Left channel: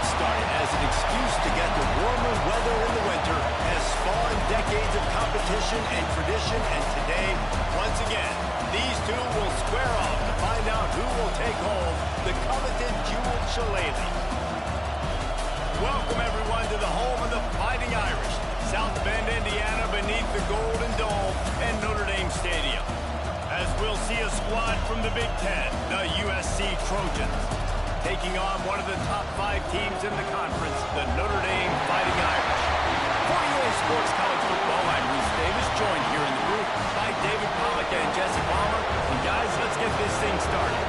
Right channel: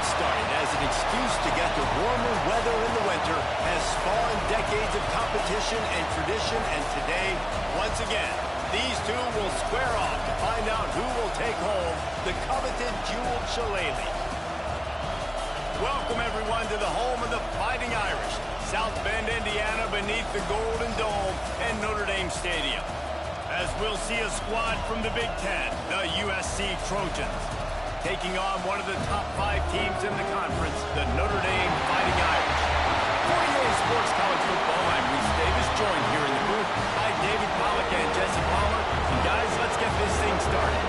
Started as an excuse to get to warmer weather in the winter, has spawned decades of competition and tradition, and today, once again, these two will square off to find out who will take home the coveted jeweled shillelagh. Welcome, everyone, to the home of the Fighting Irish, South Bend, Indiana, beneath the Golden Dome and Notre Dame Stadium. As we'll see a squad from the Big Ten, the USC Trojans, taking on one of the top 5 teams in the conference, the Notre Dame Fighting Irish. For EA Sports College Football, I'm Reese Davis, joined here in the booth by David Pollack and Jesse Palmer. And guys, let's get this thing started.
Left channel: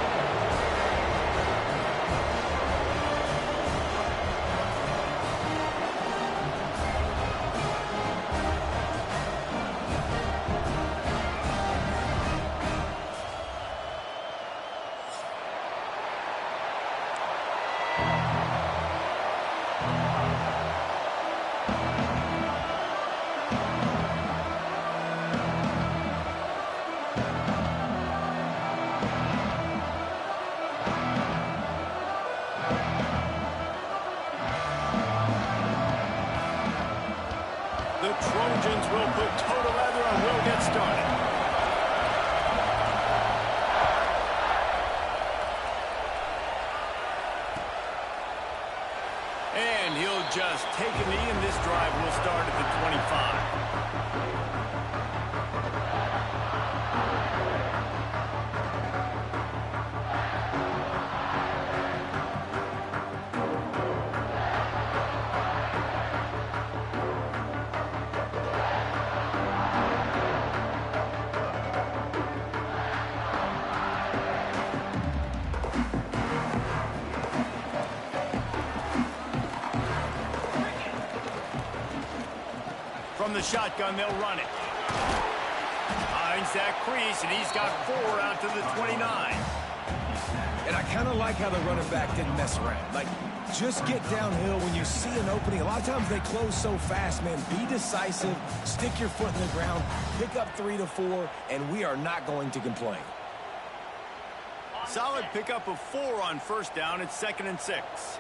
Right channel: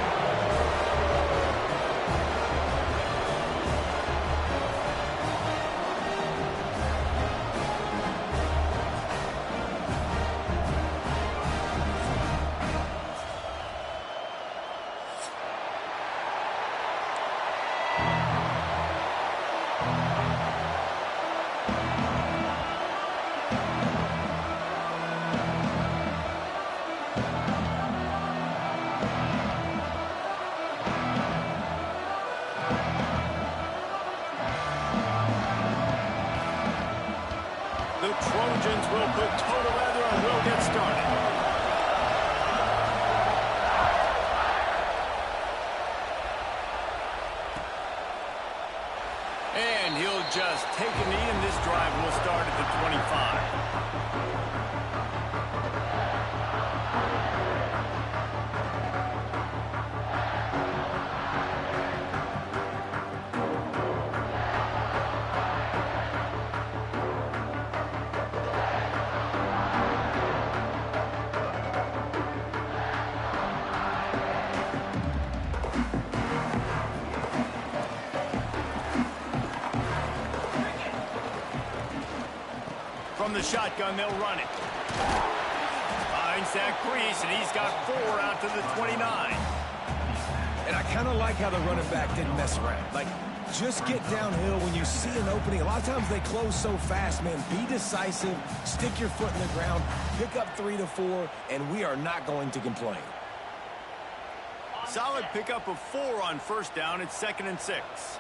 The Trojans will put toe to leather and will get started. And he'll just take a knee, and this drive will start at the 25. From the shotgun, they'll run it. Finds that crease, and he's got 4 out to the 29. And I kind of like how the running back didn't mess around. Like, just get downhill when you see an opening. A lot of times they close so fast, man. Be decisive, stick your foot in the ground, pick up 3 to 4, and we are not going to complain. Solid pickup of 4 on first down. It's 2nd and 6.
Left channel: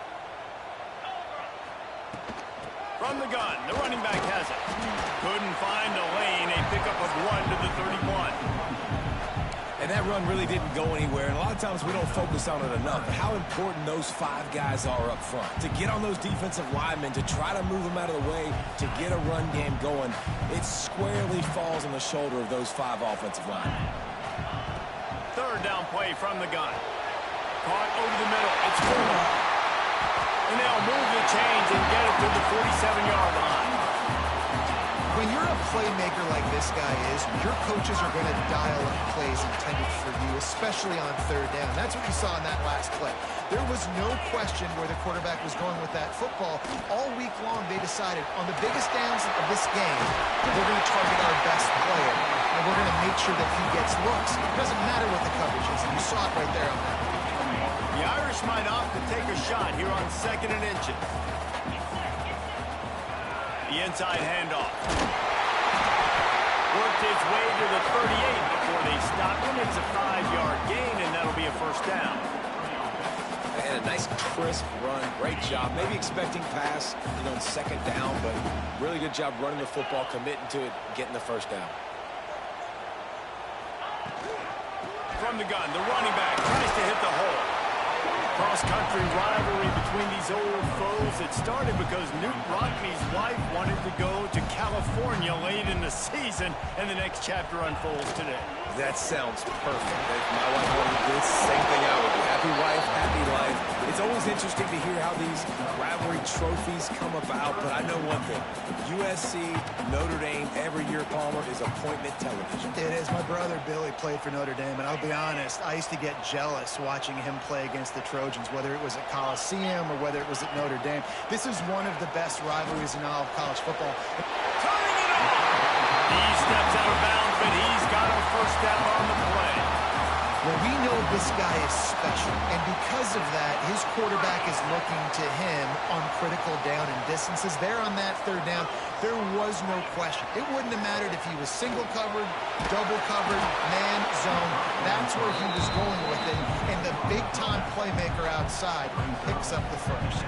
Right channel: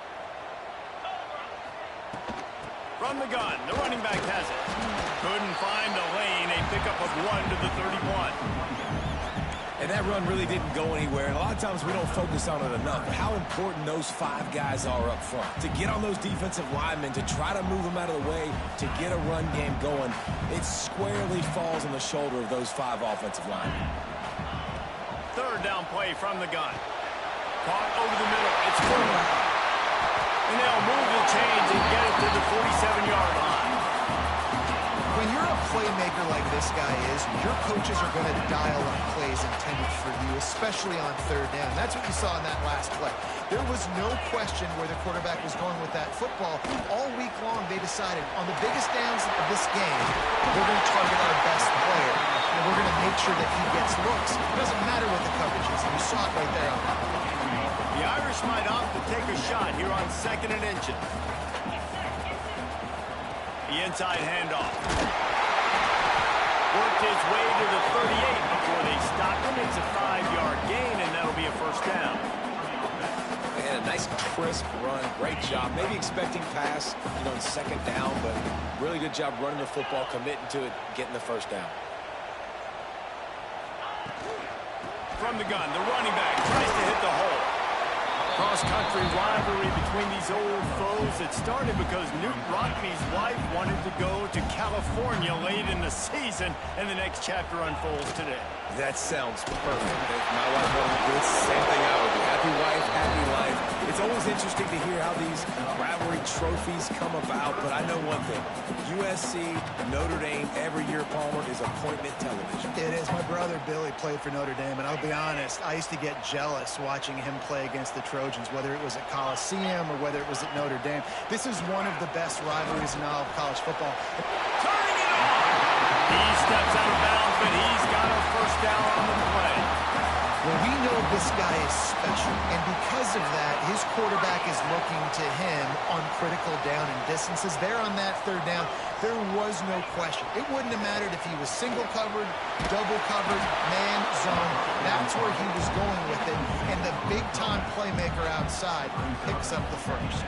From the gun, the running back has it. Couldn't find a lane, a pickup of 1 to the 31. And that run really didn't go anywhere, and a lot of times we don't focus on it enough, but how important those 5 guys are up front. To get on those defensive linemen, to try to move them out of the way, to get a run game going, it squarely falls on the shoulder of those 5 offensive linemen. 3rd down play from the gun. Caught over the middle. It's Fuller. And they'll move the chains and get it to the 47-yard line. When you're a playmaker like this guy is, your coaches are going to dial up plays intended for you, especially on 3rd down. That's what you saw in that last play. There was no question where the quarterback was going with that football. All week long, they decided on the biggest downs of this game, we're going to target our best player, and we're going to make sure that he gets looks. It doesn't matter what the coverage is, and you saw it right there on that one. The Irish might opt to take a shot here on 2nd and inches. The inside handoff. Worked his way to the 38 before they stopped him. It's a 5-yard gain, and that'll be a first down. And a nice crisp run. Great job. Maybe expecting pass, in 2nd down, but really good job running the football, committing to it, getting the first down. From the gun, the running back tries to hit the hole. cross-country rivalry between these old foes. It started because Newt Rockne's wife wanted to go to California late in the season, and the next chapter unfolds today. That sounds perfect. If my wife wanted to do it, same thing I would do. Happy wife, happy life. It's always interesting to hear how these rivalry trophies come about, but I know one thing. USC, Notre Dame, every year, Palmer, is appointment television. It is. My brother Billy played for Notre Dame, and I'll be honest, I used to get jealous watching him play against the Trojans, whether it was at Coliseum or whether it was at Notre Dame. This is one of the best rivalries in all of college football. Turning it on! He steps out of bounds, but he's got a first down on the play. Well, we know this guy is special, and because of that, his quarterback is looking to him on critical down and distances. There on that third down, there was no question. It wouldn't have mattered if he was single covered, double covered, man, zone. That's where he was going with it, and the big-time playmaker outside picks up the first.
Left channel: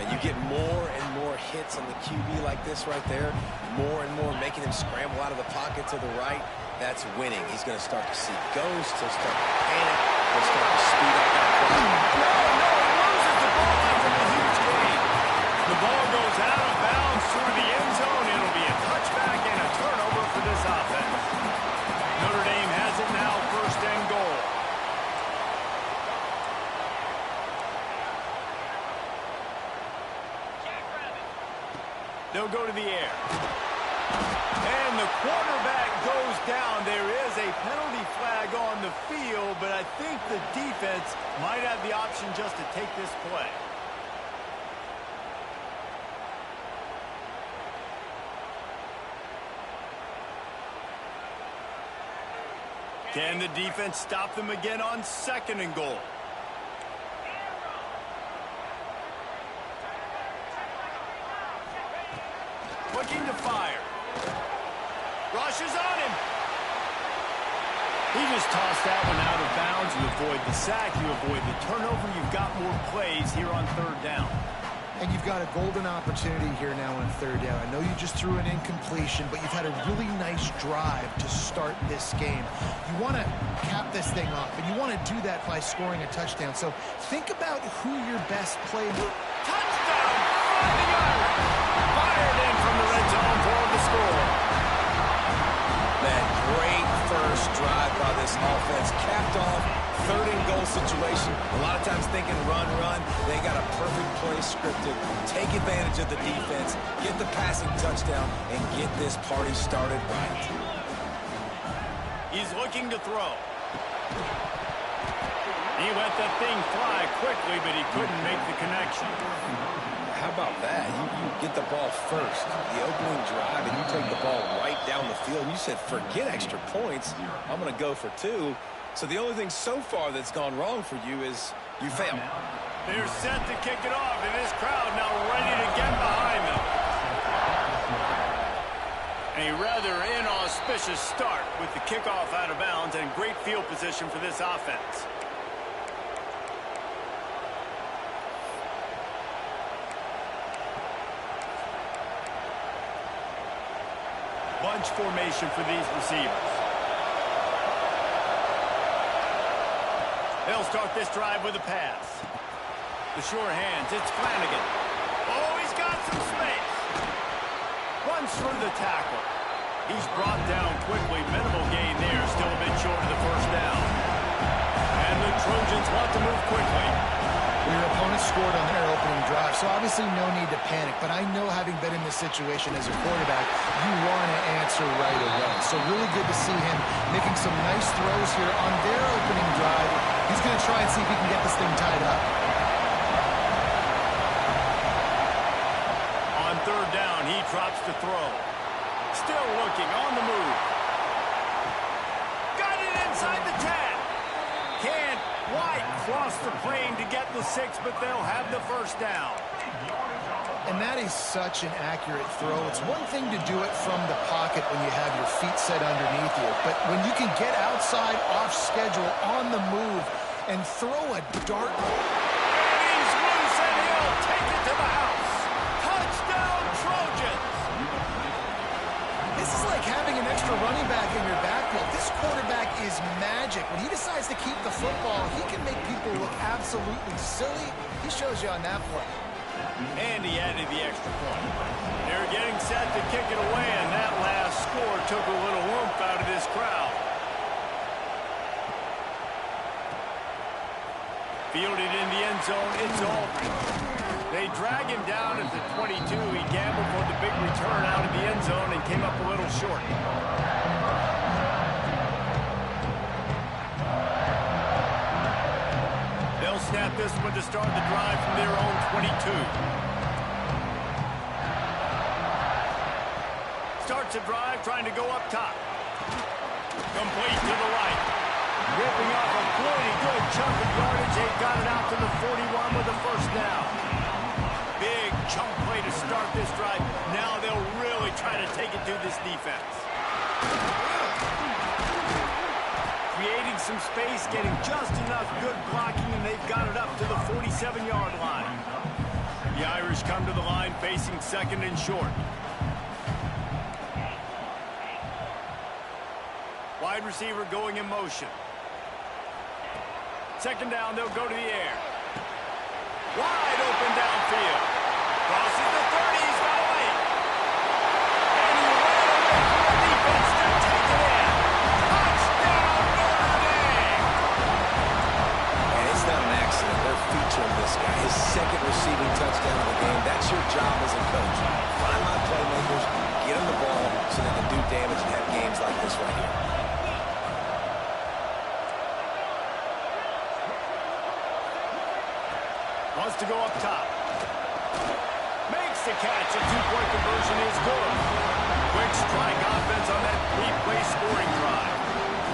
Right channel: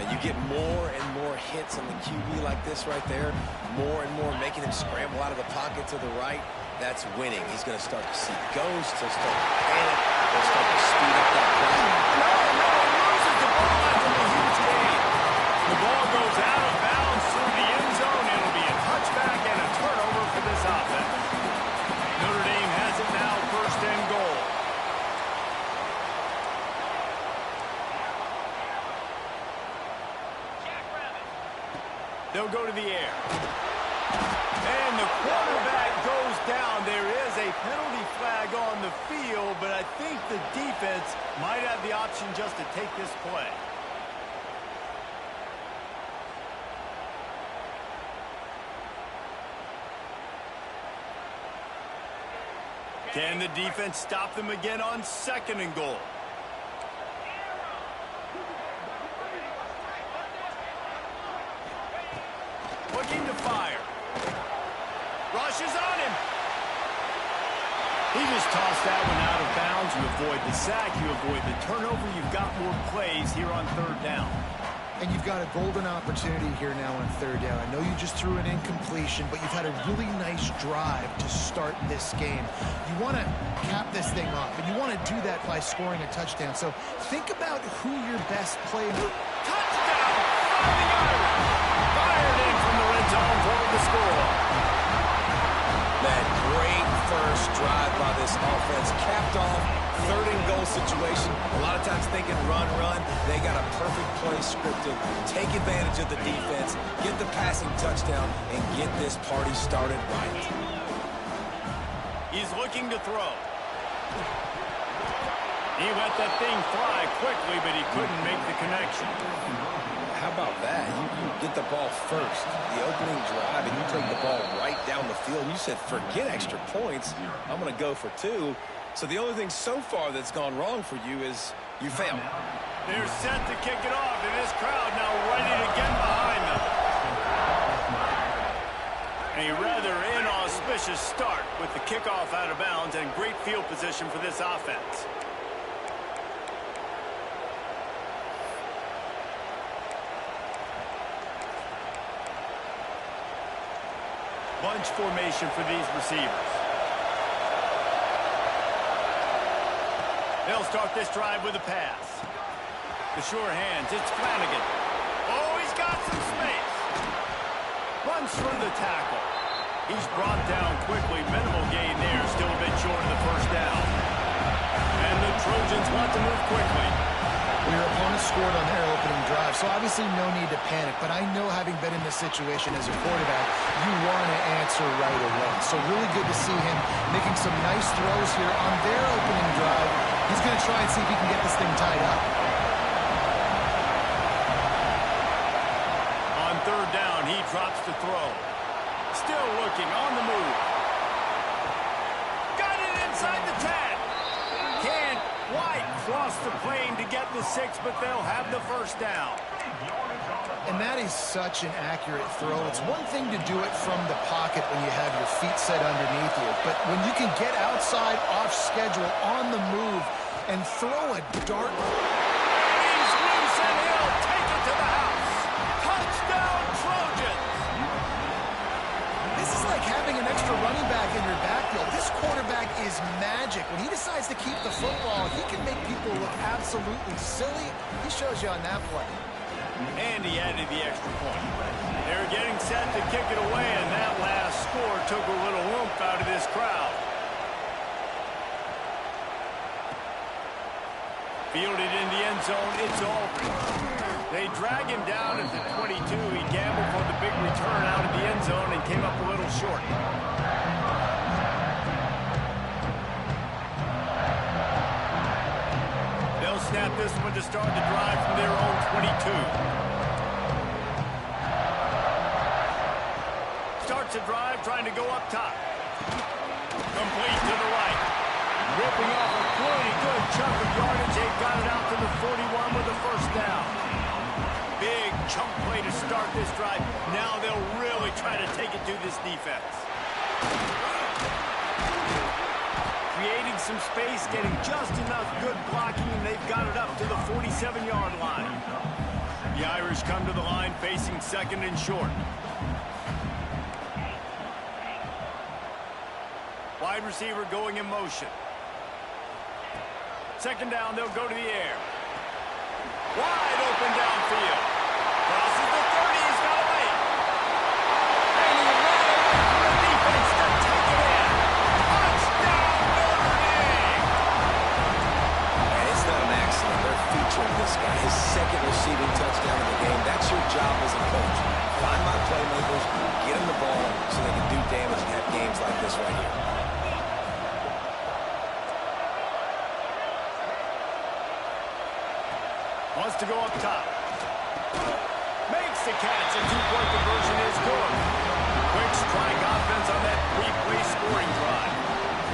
And you get more and more hits on the QB like this right there, more and more making him scramble out of the pocket to the right. That's winning. He's going to start to see ghosts. He'll start to panic. He'll start to speed up that clock. No, he loses the ball after the huge gain. The ball goes out of bounds through the end zone. It'll be a touchback and a turnover for this offense. Notre Dame has it now, first and goal. They'll go to the air. And the quarterback goes down. There is a penalty flag on the field, but I think the defense might have the option just to take this play. Can the defense stop them again on second and goal? Looking to fire. Rushes on him. He just tossed that one out of bounds. You avoid the sack. You avoid the turnover. You've got more plays here on third down. And you've got a golden opportunity here now on third down. I know you just threw an incompletion, but you've had a really nice drive to start this game. You want to cap this thing off, and you want to do that by scoring a touchdown. So think about who your best player. Touchdown, Fighting Irish. Fired in from the red zone for the score. That great first drive by this offense capped off third and goal situation. A lot of times thinking run. They got a perfect play scripted. Take advantage of the defense, get the passing touchdown, and get this party started right. He's looking to throw. He let that thing fly quickly, but he couldn't make the connection. How about that? You get the ball first, the opening drive, and you take the ball right down the field. And you said, forget extra points. I'm going to go for two. So the only thing so far that's gone wrong for you is you failed. They're set to kick it off, and this crowd now ready to get behind them. A rather inauspicious start with the kickoff out of bounds and great field position for this offense. Bunch formation for these receivers. They'll start this drive with a pass. The sure hands, it's Flanagan. Oh, he's got some space. Runs through the tackle. He's brought down quickly. Minimal gain there, still a bit short of the first down. And the Trojans want to move quickly. Well, your opponent scored on their opening drive, so obviously no need to panic. But I know, having been in this situation as a quarterback, you want to answer right away. So really good to see him making some nice throws here on their opening drive. He's going to try and see if he can get this thing tied up. On third down, he drops to throw. Still looking, on the move. Got it inside the 10. Can't quite cross the plane to get the 6, but they'll have the first down. And that is such an accurate throw. It's one thing to do it from the pocket when you have your feet set underneath you, but when you can get outside, off schedule, on the move, and throw a dart. And he's loose, and he'll take it to the house. Touchdown, Trojans! This is like having an extra extra running back in your backfield. This quarterback is magic. When he decides to keep the football, he can make people look absolutely silly. He shows you on that play. And he added the extra point. They're getting set to kick it away, and that last score took a little oomph out of this crowd. Fielded in the end zone, it's Aldridge. They drag him down at the 22. He gambled for the big return out of the end zone and came up a little short. They'll snap this one to start the drive from their own 22. Starts the drive trying to go up top. Complete to the right. Ripping off a pretty good chunk of yardage. They've got it out to the 41 with a first down. Big chunk play to start this drive. Now they'll really try to take it to this defense. Creating some space, getting just enough good blocking, and they've got it up to the 47-yard line. The Irish come to the line facing second and short. Wide receiver going in motion. Second down, they'll go to the air. Wide open downfield. Crosses the 30, he's got away. And he ran away from the defense to take it in. Touchdown, Notre Dame! And it's not an accident. They're featuring this guy. His second receiving touchdown of the game. That's your job as a coach. Find my playmakers, get them the ball so they can do damage and have games like this right here. Wants to go up top. Makes the catch. A two-point conversion is good. Quick strike offense on that three-play scoring drive.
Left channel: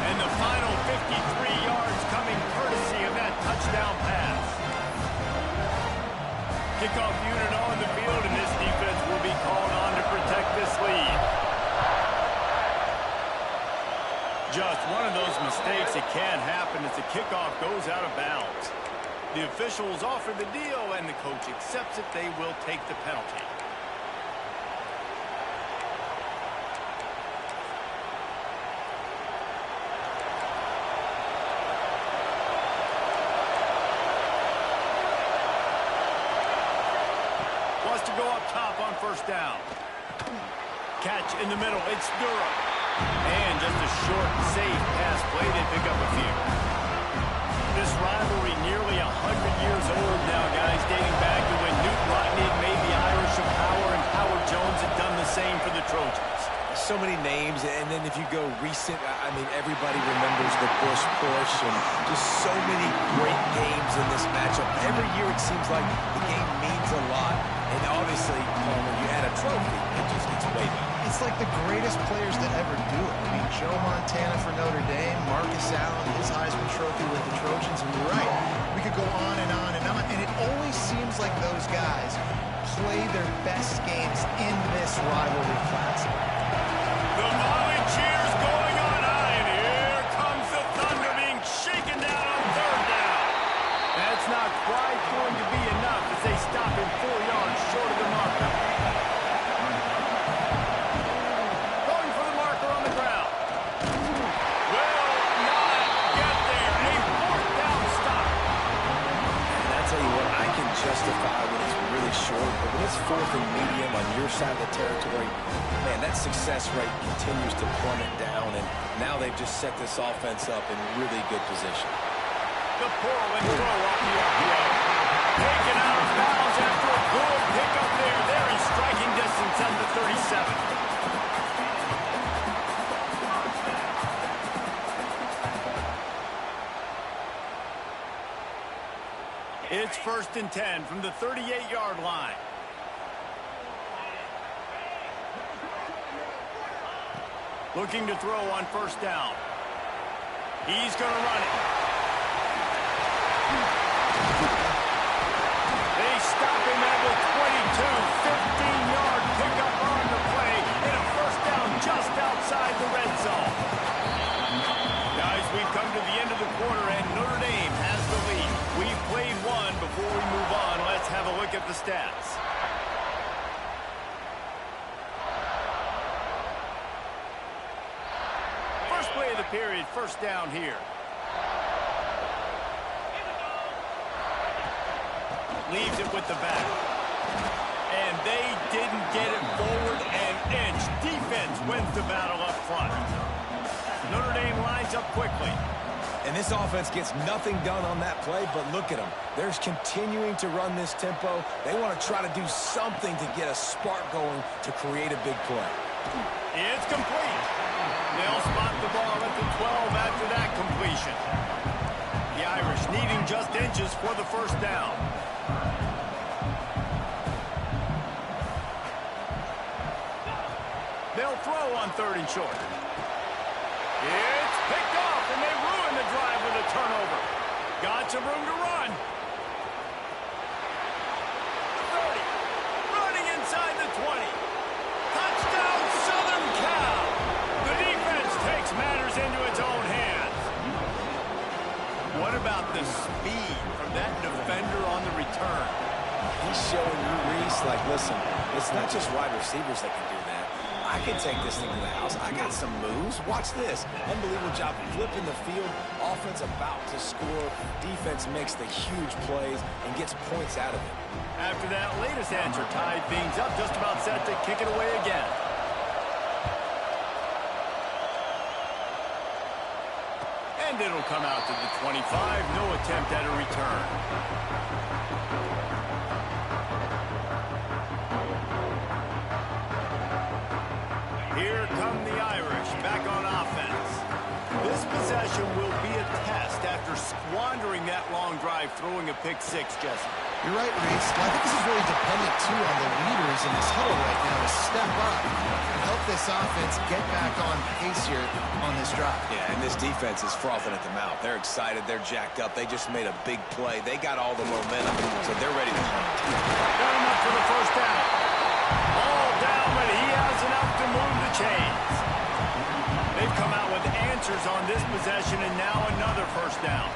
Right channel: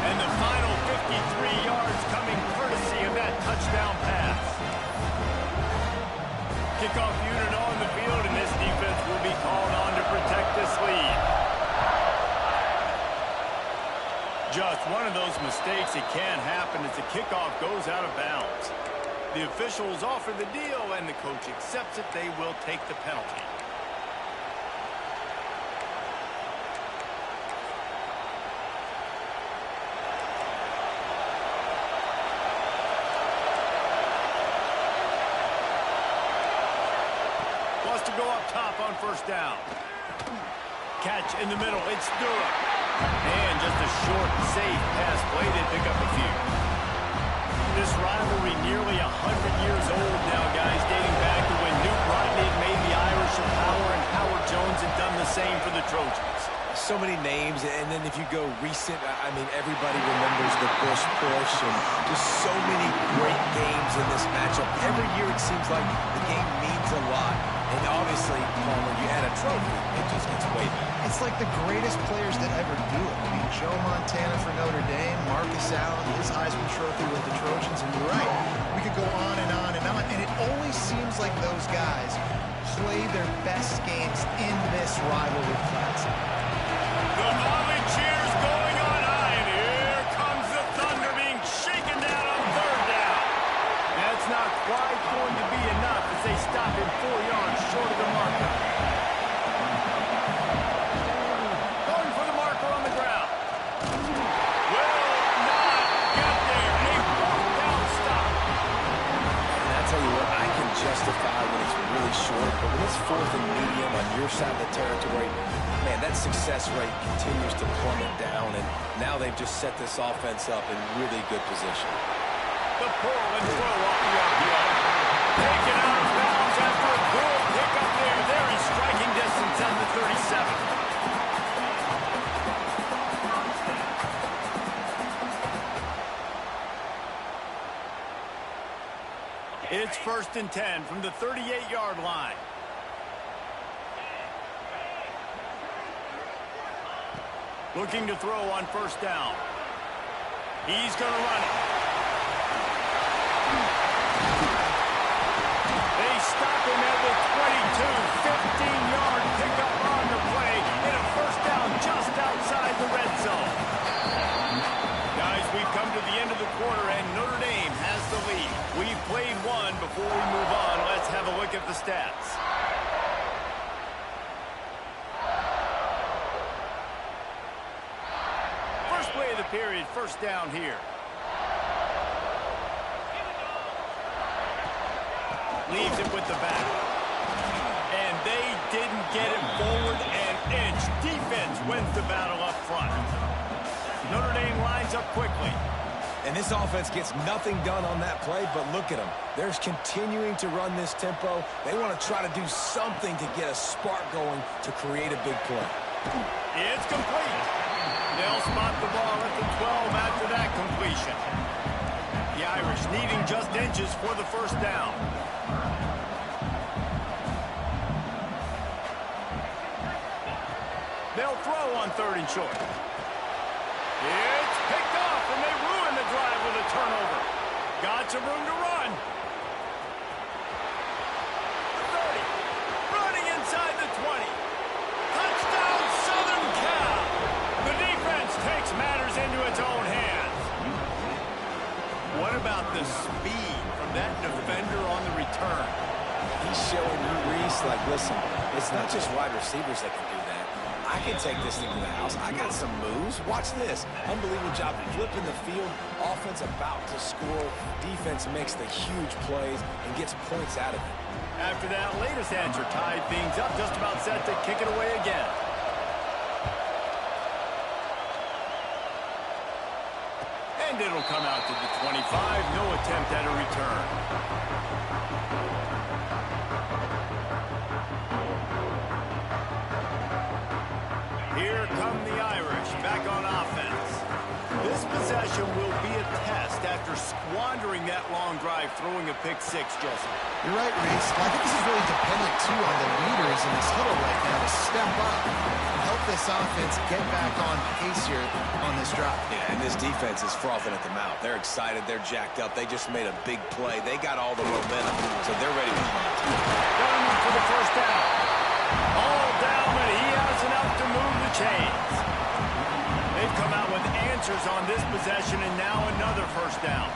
And the final 53 yards coming courtesy of that touchdown pass. Kickoff unit on the field, and this defense will be called on to protect this lead. Just one of those mistakes that can happen as the kickoff goes out of bounds. The officials offer the deal, and the coach accepts it. They will take the penalty. Wants to go up top on first down. Catch in the middle. It's Durham. And just a short, safe pass play. They pick up a few. This rivalry nearly 100 years old now, guys, dating back to when Newt Rodney made the Irish a power and Howard Jones had done the same for the Trojans. So many names, and then if you go recent, I mean, everybody remembers the Bush push and just so many great games in this matchup. Every year it seems like the game means a lot, and obviously, Palmer, you add a trophy, it just gets way better. It's like the greatest players that ever do it. I mean, Joe Montana for Notre Dame, Marcus Allen, his Heisman Trophy with the Trojans, and you're right, we could go on and on and on, and it always seems like those guys play their best games in this rivalry classic. The volley cheers going on high, and here comes the Thunder being shaken down on third down. That's not quite going to be enough as they stop him 4 yards short of the marker. Going for the marker on the ground. Will not get there. A fourth down stop. And I tell you what, I can justify when it's really short, but when it's fourth and medium on your side of the territory, man, that success rate continues to plummet down, and now they've just set this offense up in really good position. The pull and throw off the RPO. Taken out of bounds after a good pickup there. They're in striking distance at the 37. It's 1st and 10 from the 38-yard line. Looking to throw on first down. He's going to run it. They stop him at the 22. 15-yard pickup on the play. And a first down just outside the red zone. Guys, we've come to the end of the quarter, and Notre Dame has the lead. We've played one. Before we move on, let's have a look at the stats. First play of the period, first down here. Leaves it with the back. And they didn't get it forward an inch. Defense wins the battle up front. Notre Dame lines up quickly. And this offense gets nothing done on that play, but look at them. They're continuing to run this tempo. They want to try to do something to get a spark going to create a big play. It's complete. They'll spot the ball at the 12 after that completion. The Irish needing just inches for the first down. They'll throw on 3rd and short. It's picked off, and they ruin the drive with a turnover. Got some room to run. The 30. Running inside the 20. Touchdown, Southern Cal. The defense takes matters into its own hands. What about the speed from that defender on the return? He's showing you, Reese, like, listen, it's not just wide receivers that can do that. I can take this thing to the house. I got some moves. Watch this. Unbelievable job flipping the field. Offense about to score. Defense makes the huge plays and gets points out of it. After that latest answer tied things up, just about set to kick it away again. And it'll come out to the 25. No attempt at a return. Here come the Irish back on offense. This possession will be a test after squandering that long drive, throwing a pick six, Jesse. You're right, Reese. Well, I think this is really dependent, too, on the leaders in this huddle right now to step up and help this offense get back on pace here on this drive. Yeah, and this defense is frothing at the mouth. They're excited. They're jacked up. They just made a big play. They got all the momentum, so they're ready to hunt. Got him up for the first down. All down, but he has enough to move the chains. They've come out with answers on this possession, and now another first down.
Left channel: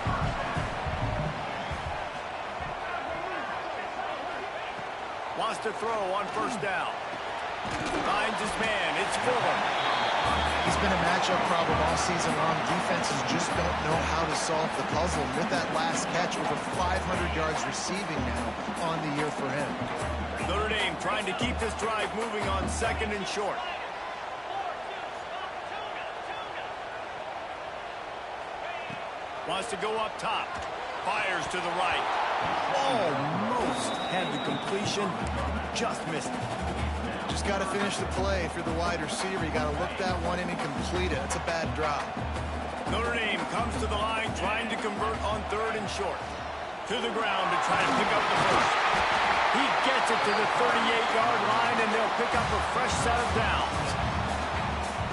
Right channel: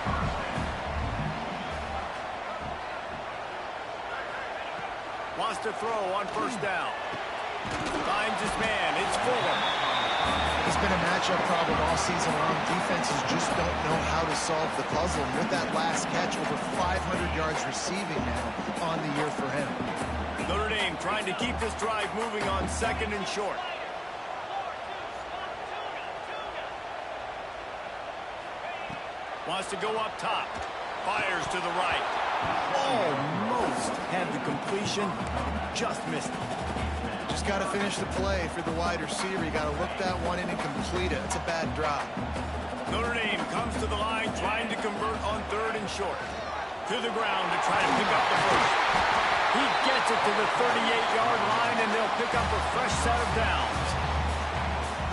Wants to throw on first down. Finds his man. It's Fuller. He's been a matchup problem all season long. Defenses just don't know how to solve the puzzle. And with that last catch, over 500 yards receiving now on the year for him. Notre Dame trying to keep this drive moving on 2nd and short. Wants to go up top. Fires to the right. Almost had the completion. Just missed it. Just got to finish the play for the wide receiver. You got to look that one in and complete it. It's a bad drop. Notre Dame comes to the line trying to convert on 3rd and short. To the ground to try to pick up the first. He gets it to the 38-yard line, and they'll pick up a fresh set of downs.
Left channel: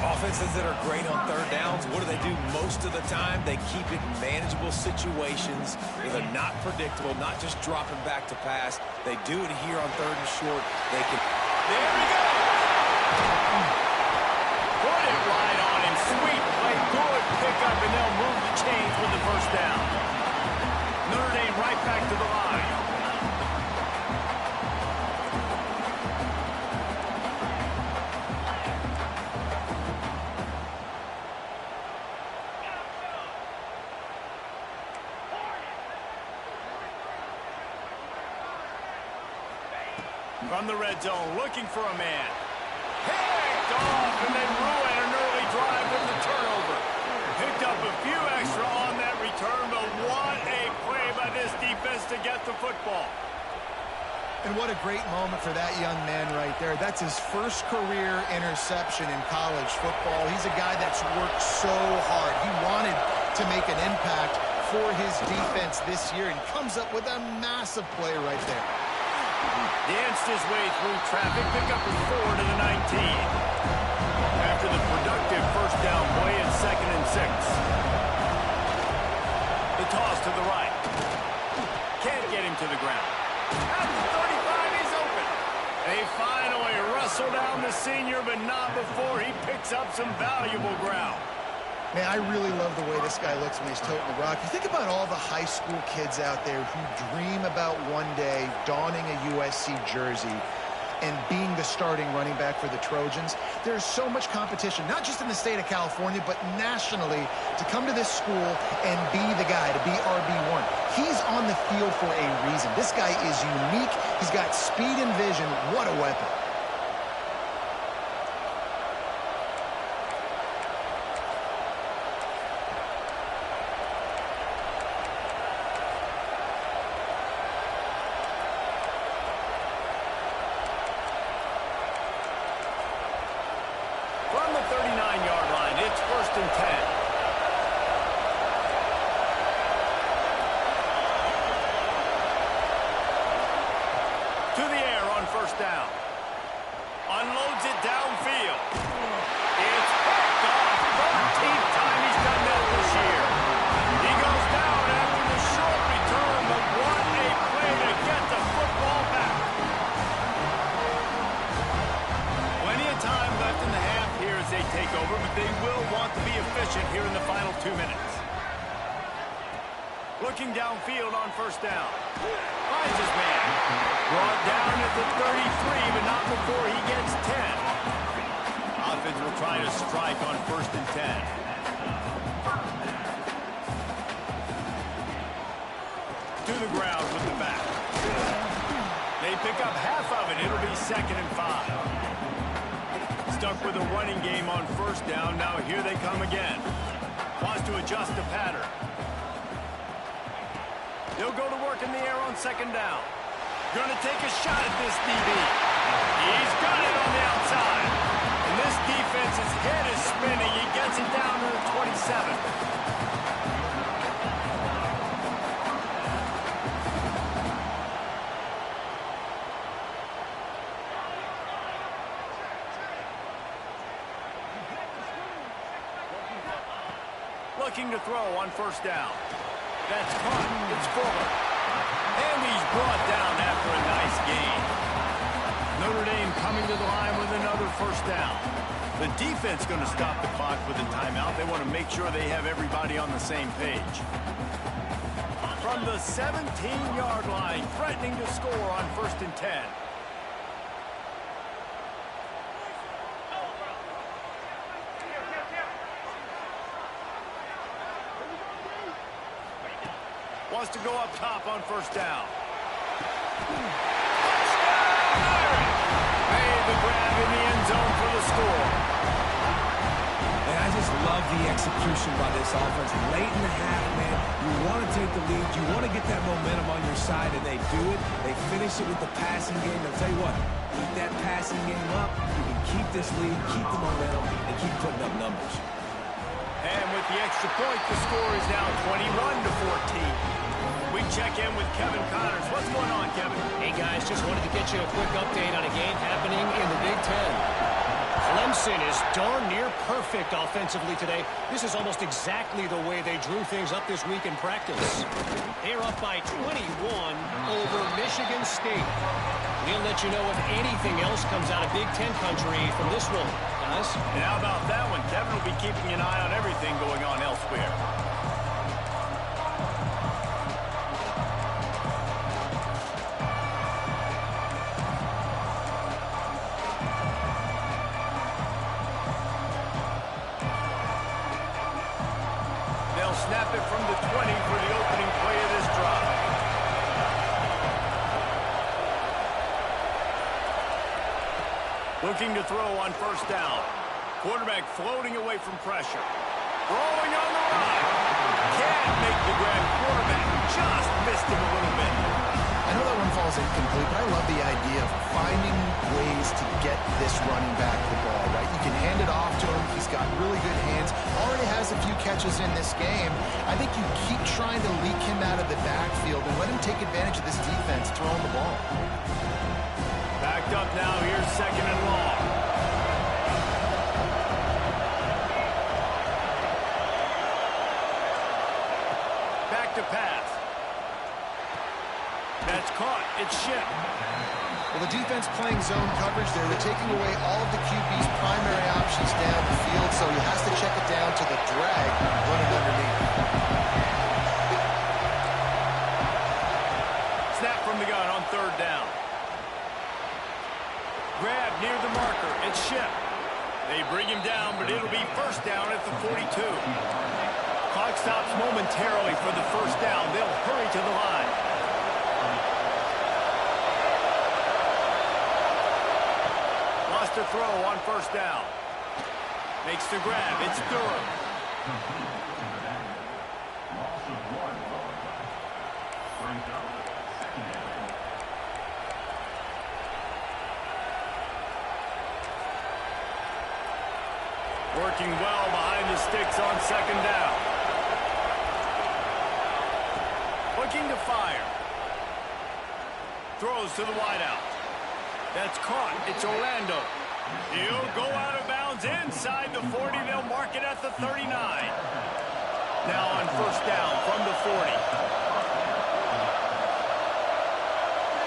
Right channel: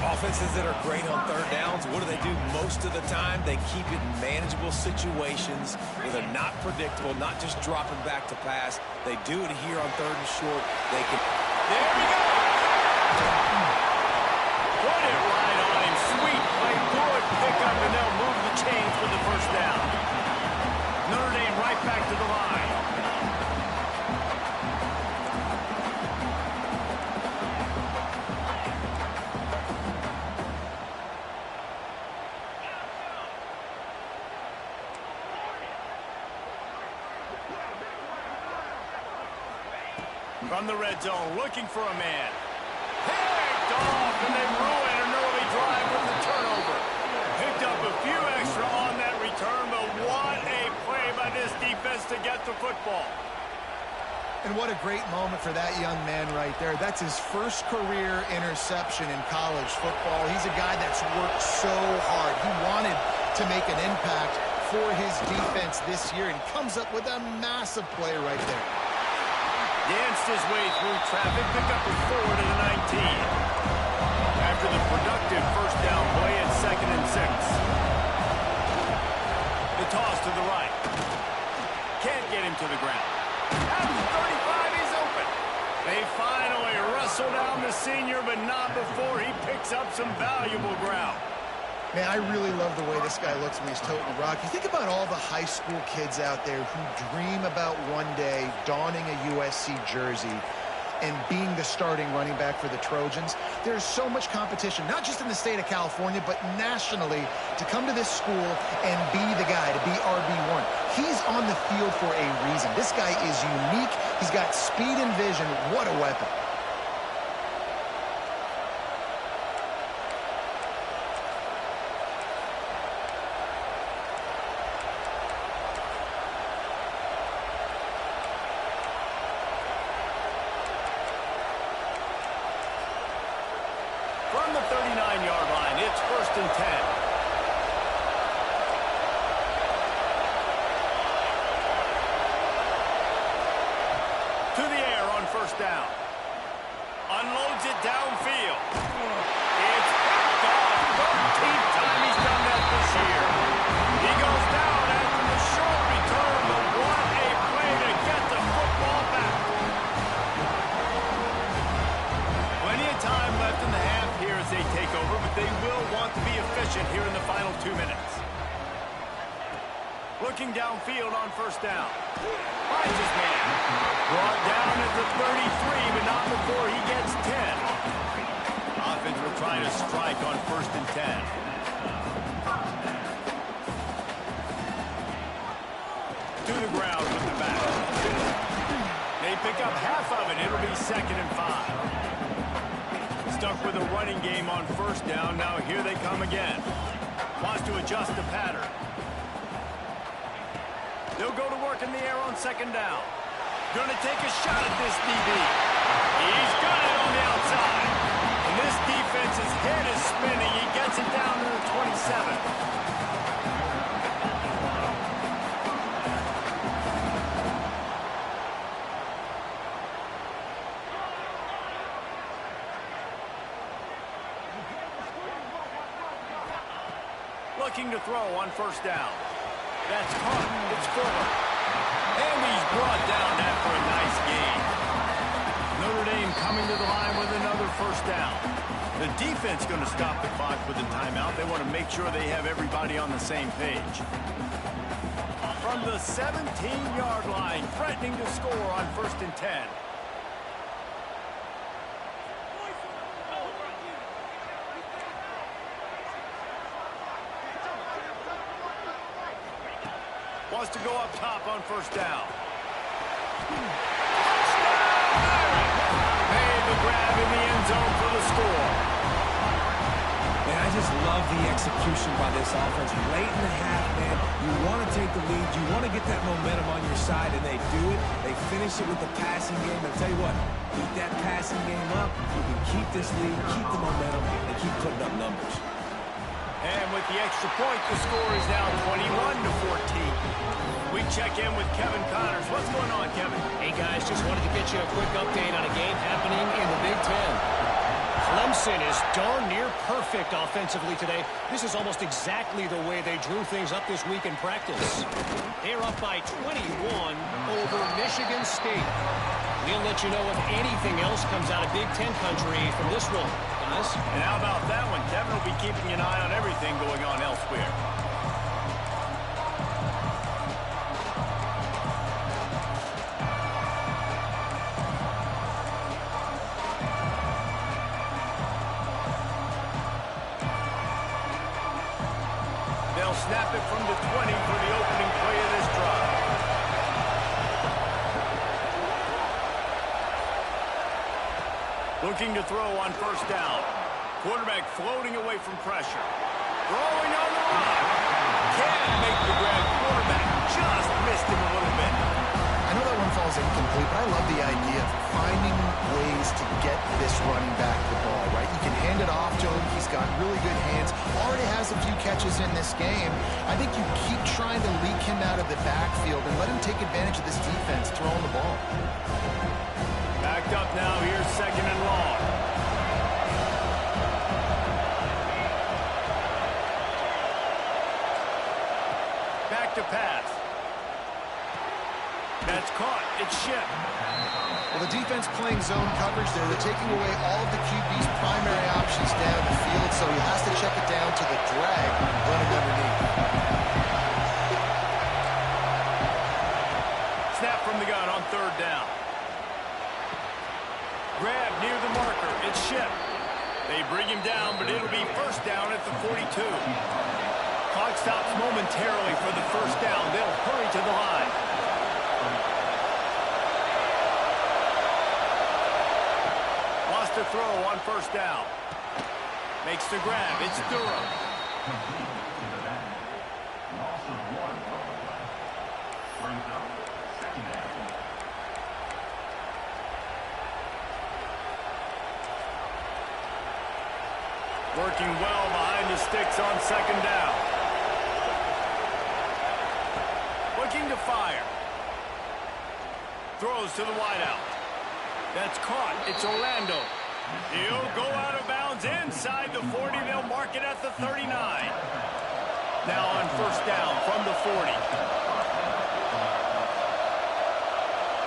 Offenses that are great on 3rd downs, what do? Most of the time, they keep it in manageable situations where they're not predictable, not just dropping back to pass. They do it here on 3rd and short. They can... There he goes! Put it right on him. Sweet play, good pickup, and they'll move the chains with the first down. Notre Dame right back to the line. From the red zone, looking for a man. Picked off, and they ruin an early drive with the turnover. Picked up a few extra on that return, but what a play by this defense to get the football. And what a great moment for that young man right there. That's his first career interception in college football. He's a guy that's worked so hard. He wanted to make an impact for his defense this year, and comes up with a massive play right there. Danced his way through traffic, pick up a 4 to the 19. After the productive first down play at 2nd and 6. The toss to the right. Can't get him to the ground. At the 35, he's open. They finally wrestle down the senior, but not before he picks up some valuable ground. Man, I really love the way this guy looks when he's toting the rock. You think about all the high school kids out there who dream about one day donning a USC jersey and being the starting running back for the Trojans. There's so much competition, not just in the state of California, but nationally, to come to this school and be the guy, to be RB1. He's on the field for a reason. This guy is unique. He's got speed and vision. What a weapon. From the 39-yard line, it's 1st and 10. To the air on 1st down. Unloads it downfield. It's picked off. 13th time he's done that this year. He goes down after the short return, but what a play to get the football back. Plenty of time left in the half here as they take over, but they will want to be efficient here in the final 2 minutes. Looking downfield on 1st down. Finds his man. Brought down at the 33, but not before he gets 10. Offense will try to strike on 1st and 10. To the ground with the back. They pick up half of it. It'll be 2nd and 5. Stuck with a running game on 1st down. Now here they come again. Wants to adjust the pattern. They'll go to work in the air on 2nd down. Going to take a shot at this DB. He's got it on the outside. And this defense's head is spinning. He gets it down to the 27. Looking to throw on 1st down. That's caught. It's Fuller. And he's brought down after a nice gain. Notre Dame coming to the line with another 1st down. The defense going to stop the clock with a timeout. They want to make sure they have everybody on the same page. From the 17-yard line, threatening to score on 1st and 10. Wants to go up top on 1st down. Touchdown, Irish! Made the grab in the end zone for the score. And I just love the execution by this offense. Late in the half, man, you want to take the lead. You want to get that momentum on your side, and they do it. They finish it with the passing game. I'll tell you what, keep that passing game up. You can keep this lead, keep the momentum, and keep putting up numbers. And with the extra point, the score is now 21-14. We check in with Kevin Connors. What's going on, Kevin? Hey, guys, just wanted to get you a quick update on a game happening in the Big Ten. Clemson is darn near perfect offensively today. This is almost exactly the way they drew things up this week in practice. They're up by 21 over Michigan State. We'll let you know if anything else comes out of Big Ten country from this one, guys. And how about that one? Kevin will be keeping an eye on everything going on elsewhere. They'll snap it from the 20 for the opening play of this drive. Looking to throw on 1st down. Quarterback floating away from pressure. Throwing on the run. Can't make the grab. Quarterback just missed him a little bit. I know that one falls incomplete, but I love the idea of finding ways to get this running back the ball, right? You can hand it off to him. He's got really good hands. Already has a few catches in this game. I think you keep trying to leak him out of the backfield and let him take advantage of this defense throwing the ball. Backed up now. Here's 2nd and long. Back to pass. That's caught. It's shipped. Well, the defense playing zone coverage there. They're taking away all of the QB's primary options down the field, so he has to check it down to the drag running underneath. Snap from the gun on 3rd down. Grab near the marker. It's Ship. They bring him down, but it'll be first down at the 42. Clock stops momentarily for the first down. They'll hurry to the line. Lost a throw on first down. Makes the grab. It's Durham. Working well behind the sticks on second down. Looking to fire. Throws to the wideout. That's caught. It's Orlando. He'll go out of bounds inside the 40. They'll mark it at the 39. Now on first down from the 40.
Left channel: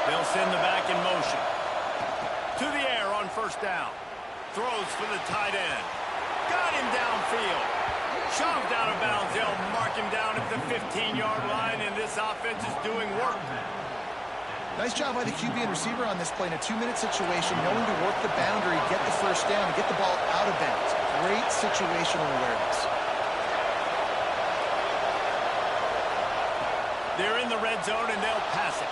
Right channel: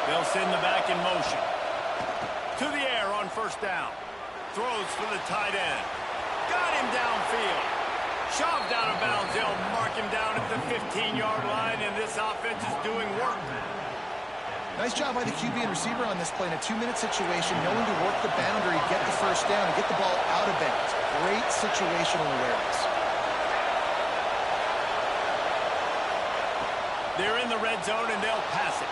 They'll send the back in motion. To the air on first down. Throws for the tight end. Got him downfield. Shoved out of bounds. They'll mark him down at the 15-yard line, and this offense is doing work. Nice job by the QB and receiver on this play in a 2-minute situation, knowing to work the boundary, get the first down, and get the ball out of bounds. Great situational awareness. They're in the red zone, and they'll pass it.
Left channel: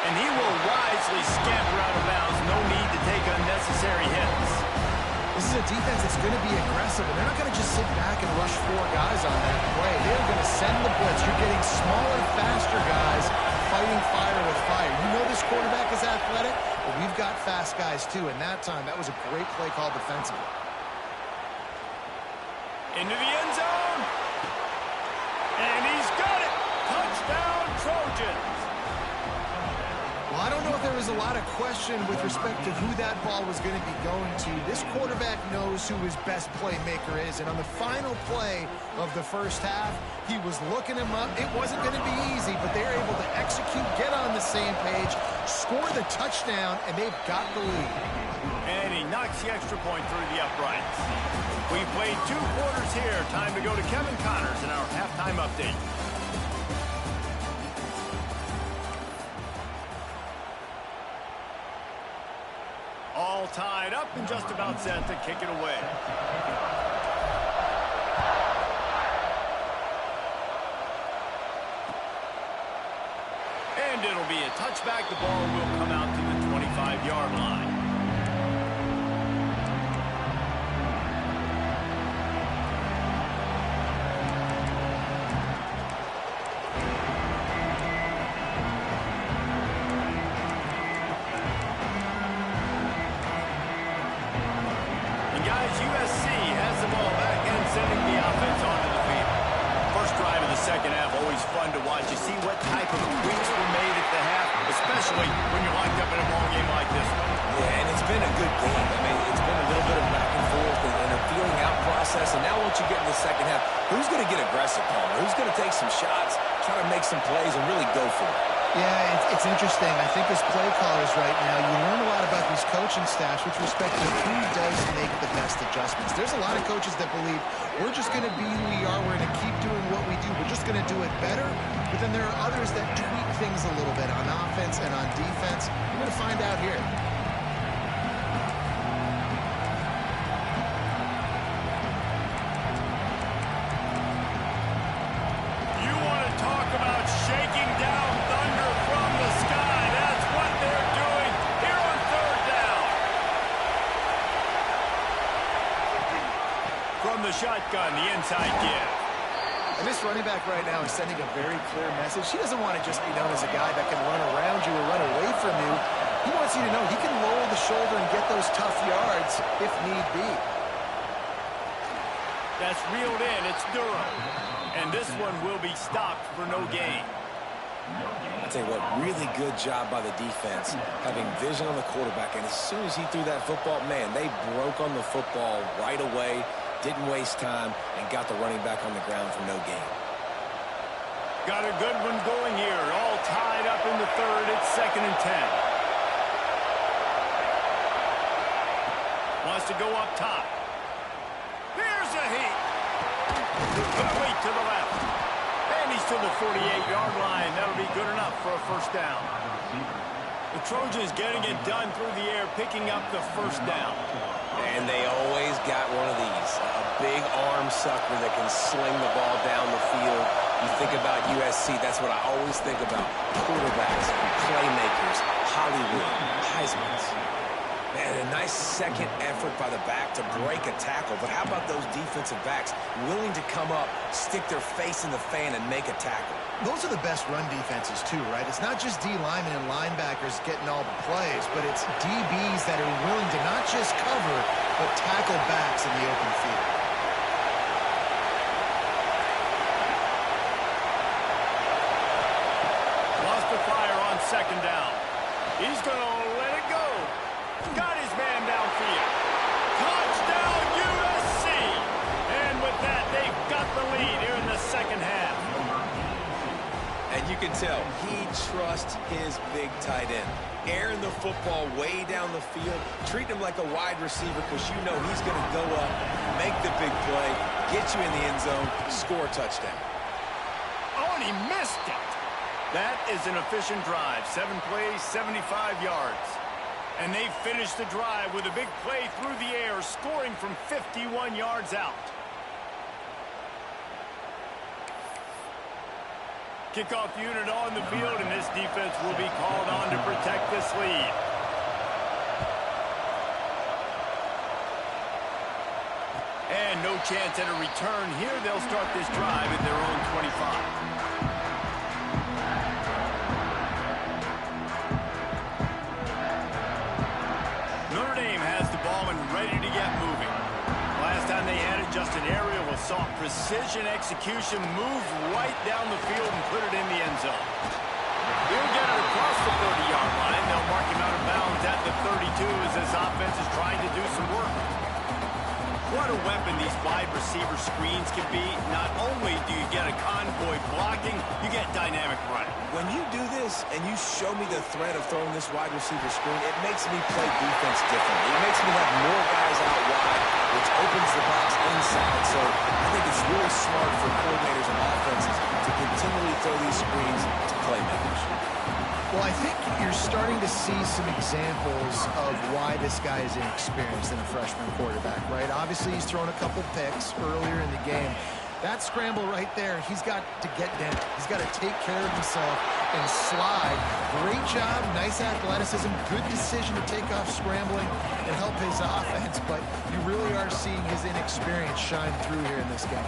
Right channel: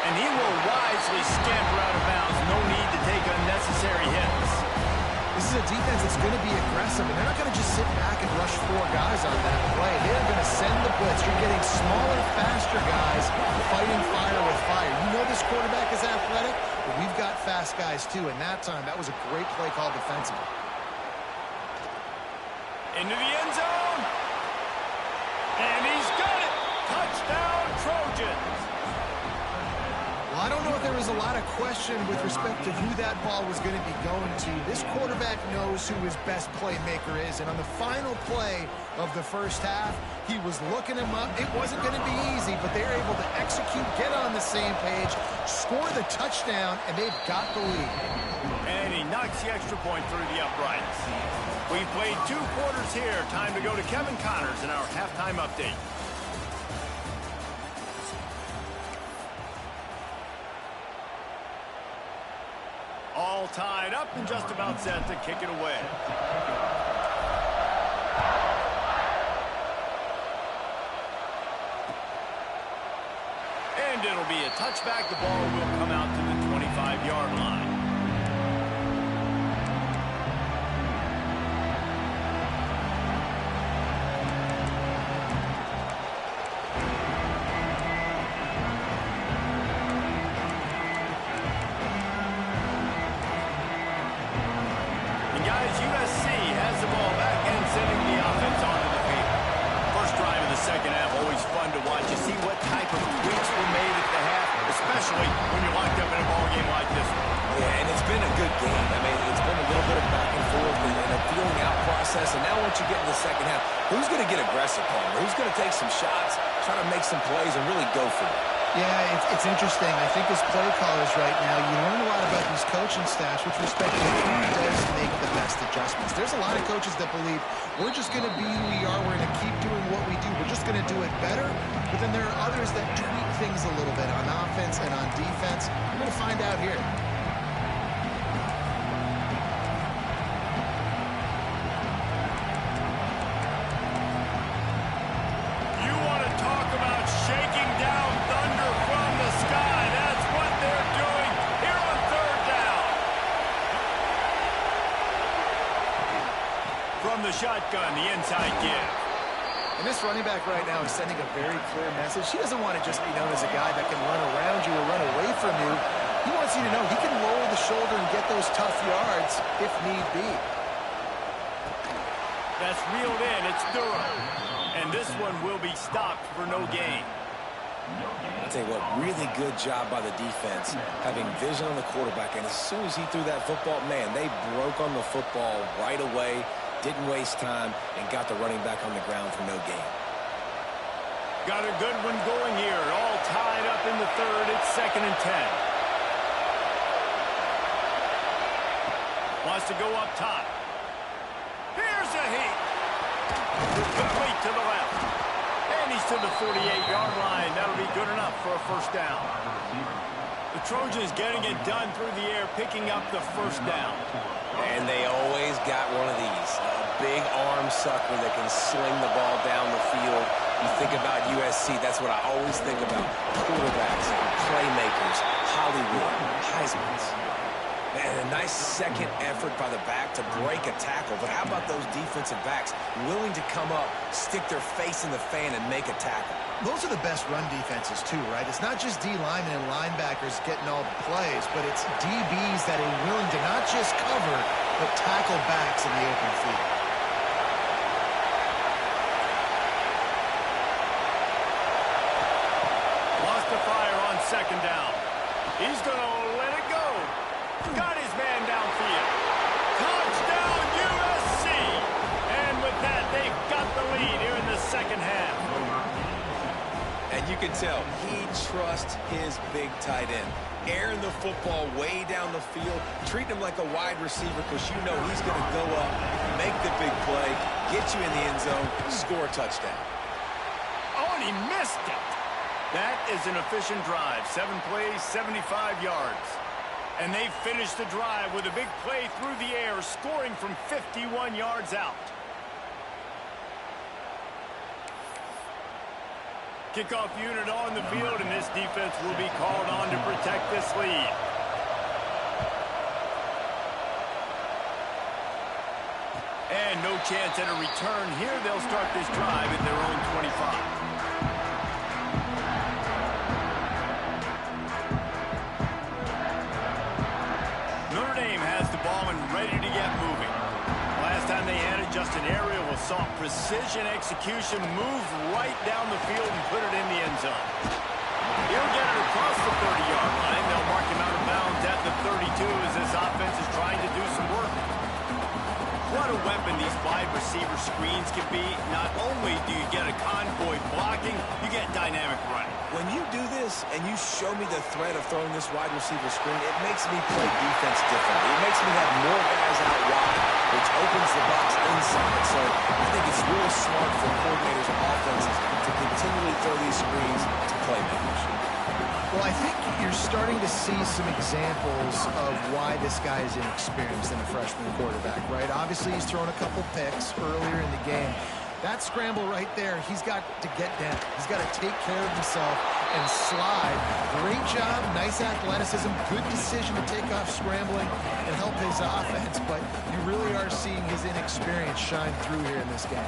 And he will wisely scamper out of bounds. No need to take unnecessary hits. This is a defense that's going to be aggressive, and they're not going to just sit back and rush 4 guys on that play. They're going to send the blitz. You're getting smaller, faster guys fighting fire with fire. You know this quarterback is athletic, but we've got fast guys too, and that time, that was a great play call defensively. Into the end zone. And he's got it. Touchdown, Trojans. Well, I don't know if there was a lot of question with respect to who that ball was going to be going to. This quarterback knows who his best playmaker is, and on the final play of the first half, he was looking him up. It wasn't going to be easy, but they're able to execute, get on the same page, score the touchdown, and they've got the lead. And he knocks the extra point through the uprights. We've played 2 quarters here. Time to go to Kevin Connors in our halftime update. All tied up and just about set to kick it away. And it'll be a touchback. The ball will come out to the 25-yard line. Second half, always fun to watch. You see what type of tweaks were made at the half, especially when you're locked up in a ball game like this one. Yeah, and it's been a good game. I mean, it's been a little bit of back and forth and a feeling out process. And now once you get in the second half, who's going to get aggressive, Palmer? Who's going to take some shots, try to make some plays, and really go for it? Yeah, it's interesting. I think as play callers right now, you learn a lot about these coaching staffs with respect to who does make the best adjustments. There's a lot of coaches that believe we're just going to be who we are. We're going to keep doing what we do. We're just going to do it better. But then there are others that tweak things a little bit on offense and on defense. We're going to find out here. You want to talk about shaking down thunder from the sky. That's what they're doing here on third down. From the shotgun, the inside give. And this running back right now is sending a very clear message. He doesn't want to just be known as a guy that can run around you or run away from you. He wants you to know he can lower the shoulder and get those tough yards if need be. That's reeled in. It's Durham. And this one will be stopped for no gain. I'll tell you what, really good job by the defense, having vision on the quarterback. And as soon as he threw that football, man, they broke on the football right away, didn't waste time, and got the running back on the ground for no gain. Got a good one going here. All tied up in the third. It's 2nd and 10. Wants to go up top. Here's a heat. Complete to the left. And And he's to the 48-yard line. That'll be good enough for a first down. The Trojans getting it done through the air, picking up the first down. And they always got one of these, a big arm sucker that can sling the ball down the field. You think about USC, that's what I always think about. Quarterbacks, playmakers, Hollywood, Heismans. Man, a nice second effort by the back to break a tackle. But how about those defensive backs willing to come up, stick their face in the fan, and make a tackle? Those are the best run defenses, too, right? It's not just D linemen and linebackers getting all the plays, but it's DBs that are willing to not just cover, but tackle backs in the open field. Lost the fire on second down. He's going to let it go. Got his man downfield. Touchdown, USC! And with that, they've got the lead here in the second half. And you can tell he trusts his big tight end. Airing the football way down the field, treating him like a wide receiver because you know he's going to go up, make the big play, get you in the end zone, score a touchdown. Oh, and he missed it. That is an efficient drive. 7 plays, 75 yards. And they finished the drive with a big play through the air, scoring from 51 yards out. Kickoff unit on the field, and this defense will be called on to protect this lead. And no chance at a return here. They'll start this drive at their own 25. Notre Dame has the ball and ready to get moving. Last time they had it, just an aerial assault. Precision execution, move right down the field and put it in the end zone. He'll get it across the 30-yard line. They'll mark him out of bounds at the 32 as this offense is trying to do some work. What a weapon these wide receiver screens can be. Not only do you get a convoy blocking, you get dynamic running. When you do this and you show me the threat of throwing this wide receiver screen, it makes me play defense differently. It makes me have more guys out wide, which opens the box inside. So I think it's really smart for coordinators and offenses to continually throw these screens to playmakers. Well, I think you're starting to see some examples of why this guy is inexperienced in a freshman quarterback, right? Obviously, he's thrown a couple picks earlier in the game. That scramble right there, he's got to get down. He's got to take care of himself and slide. Great job, nice athleticism, good decision to take off scrambling and help his offense, but you really are seeing his inexperience shine through here in this game.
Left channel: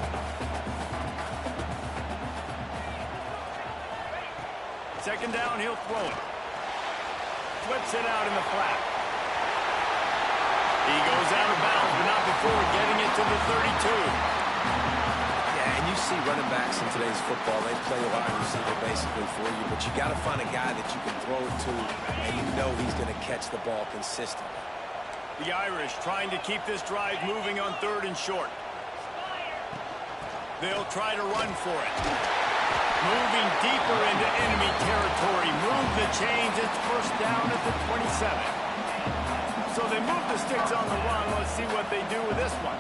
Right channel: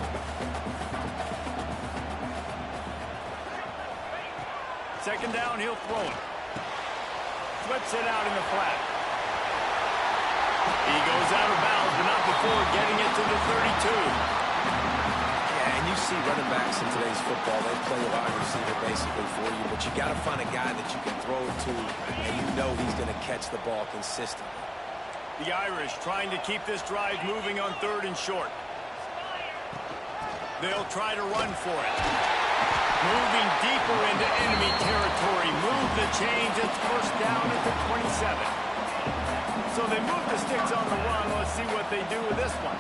Second down, he'll throw it. Flips it out in the flat. He goes out of bounds, but not before getting it to the 32. Yeah, and you see running backs in today's football, they play a wide receiver basically for you, but you got to find a guy that you can throw it to, and you know he's going to catch the ball consistently. The Irish trying to keep this drive moving on 3rd and short. They'll try to run for it. Moving deeper into enemy territory. Move the chains. It's first down at the 27. So they move the sticks on the run. Let's see what they do with this one.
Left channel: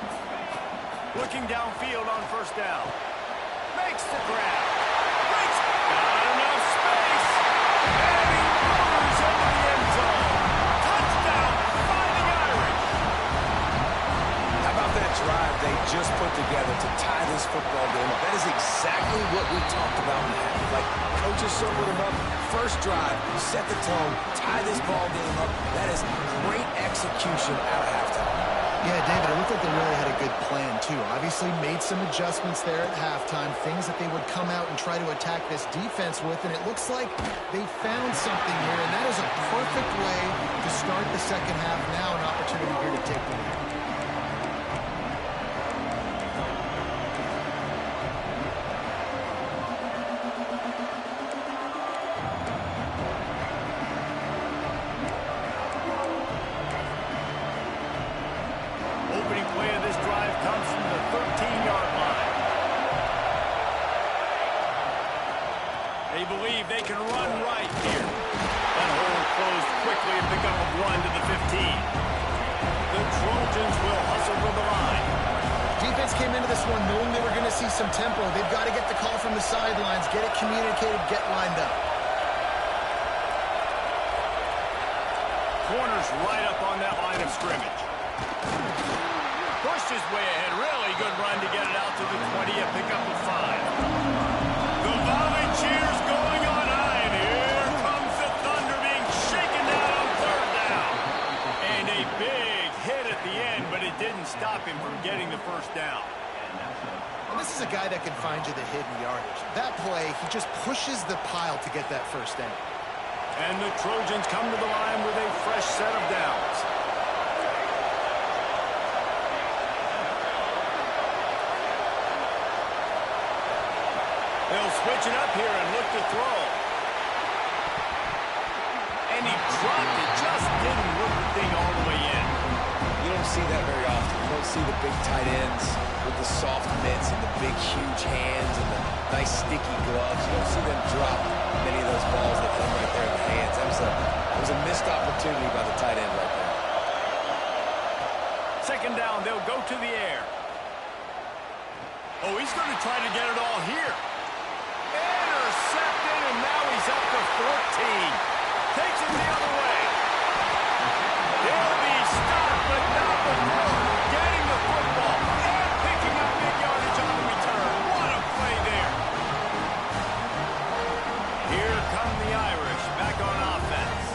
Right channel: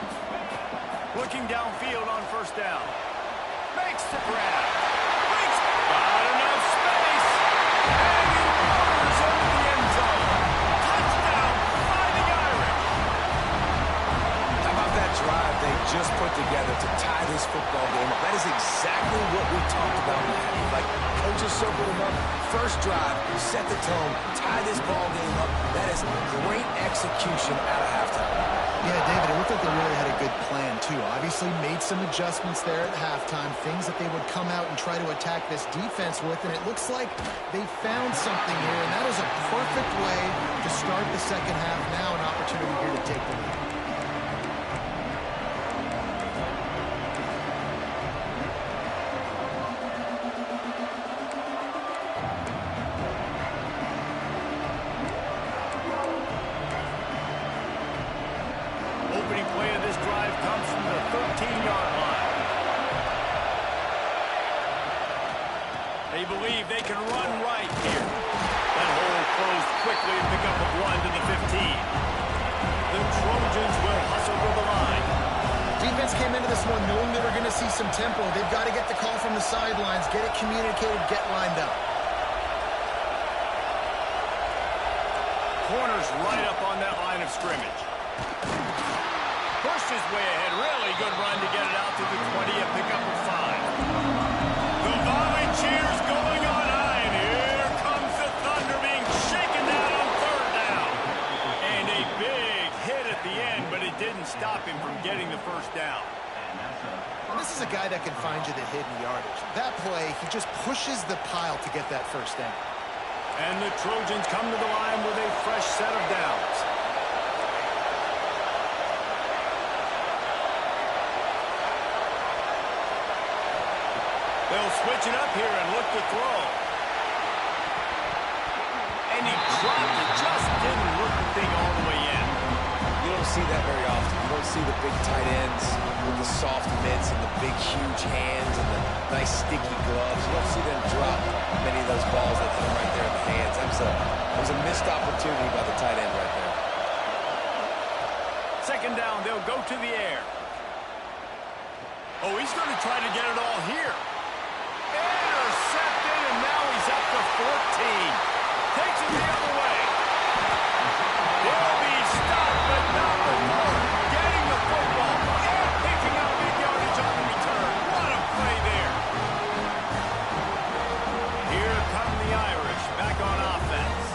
Looking downfield on first down. Makes the grab. Breaks. Got enough space. And he motors into the end zone. Touchdown, Fighting Irish. How about that drive they just put together to tie this football game up? That is exactly what we talked about in the half. Like, coaches circled them up. First drive, set the tone, tie this ball game up. That is great execution out of halftime. Yeah, David, it looked like they really had a good plan, too. Obviously made some adjustments there at halftime, things that they would come out and try to attack this defense with, and it looks like they found something here, and that is a perfect way to start the second half. Now an opportunity here to take the lead. Opening play of this drive comes from the 13-yard line. They believe they can run right here. That hole closed quickly and pick up a 1 to the 15. The Trojans will hustle to the line. Defense came into this one knowing they were going to see some tempo. They've got to get the call from the sidelines, get it communicated, get lined up. Corner's right up on that line of scrimmage. Pushed his way ahead. Really good run to get it out to the 20, a pickup of 5. The Volunteers going on high, and here comes the Thunder being shaken down on 3rd down. And a big hit at the end, but it didn't stop him from getting the 1st down. Well, this is a guy that can find you the hidden yardage. That play, he just pushes the pile to get that 1st down. And the Trojans come to the line with a fresh set of downs. They'll switch it up here and look to throw. And he dropped it, just didn't look the thing all the way in. You don't see that very often. You don't see the big tight ends with the soft mitts and the big, huge hands and the nice, sticky gloves. You don't see them drop many of those balls that hit them right there in the hands. That was a missed opportunity by the tight end right there. 2nd down, they'll go to the air. Oh, he's going to try to get it all here. Intercepted, and now he's up to 14. Takes it the other way. He'll be stopped, but not before getting the football and picking up big yardage on the return. What a play there. Here come the Irish back on offense.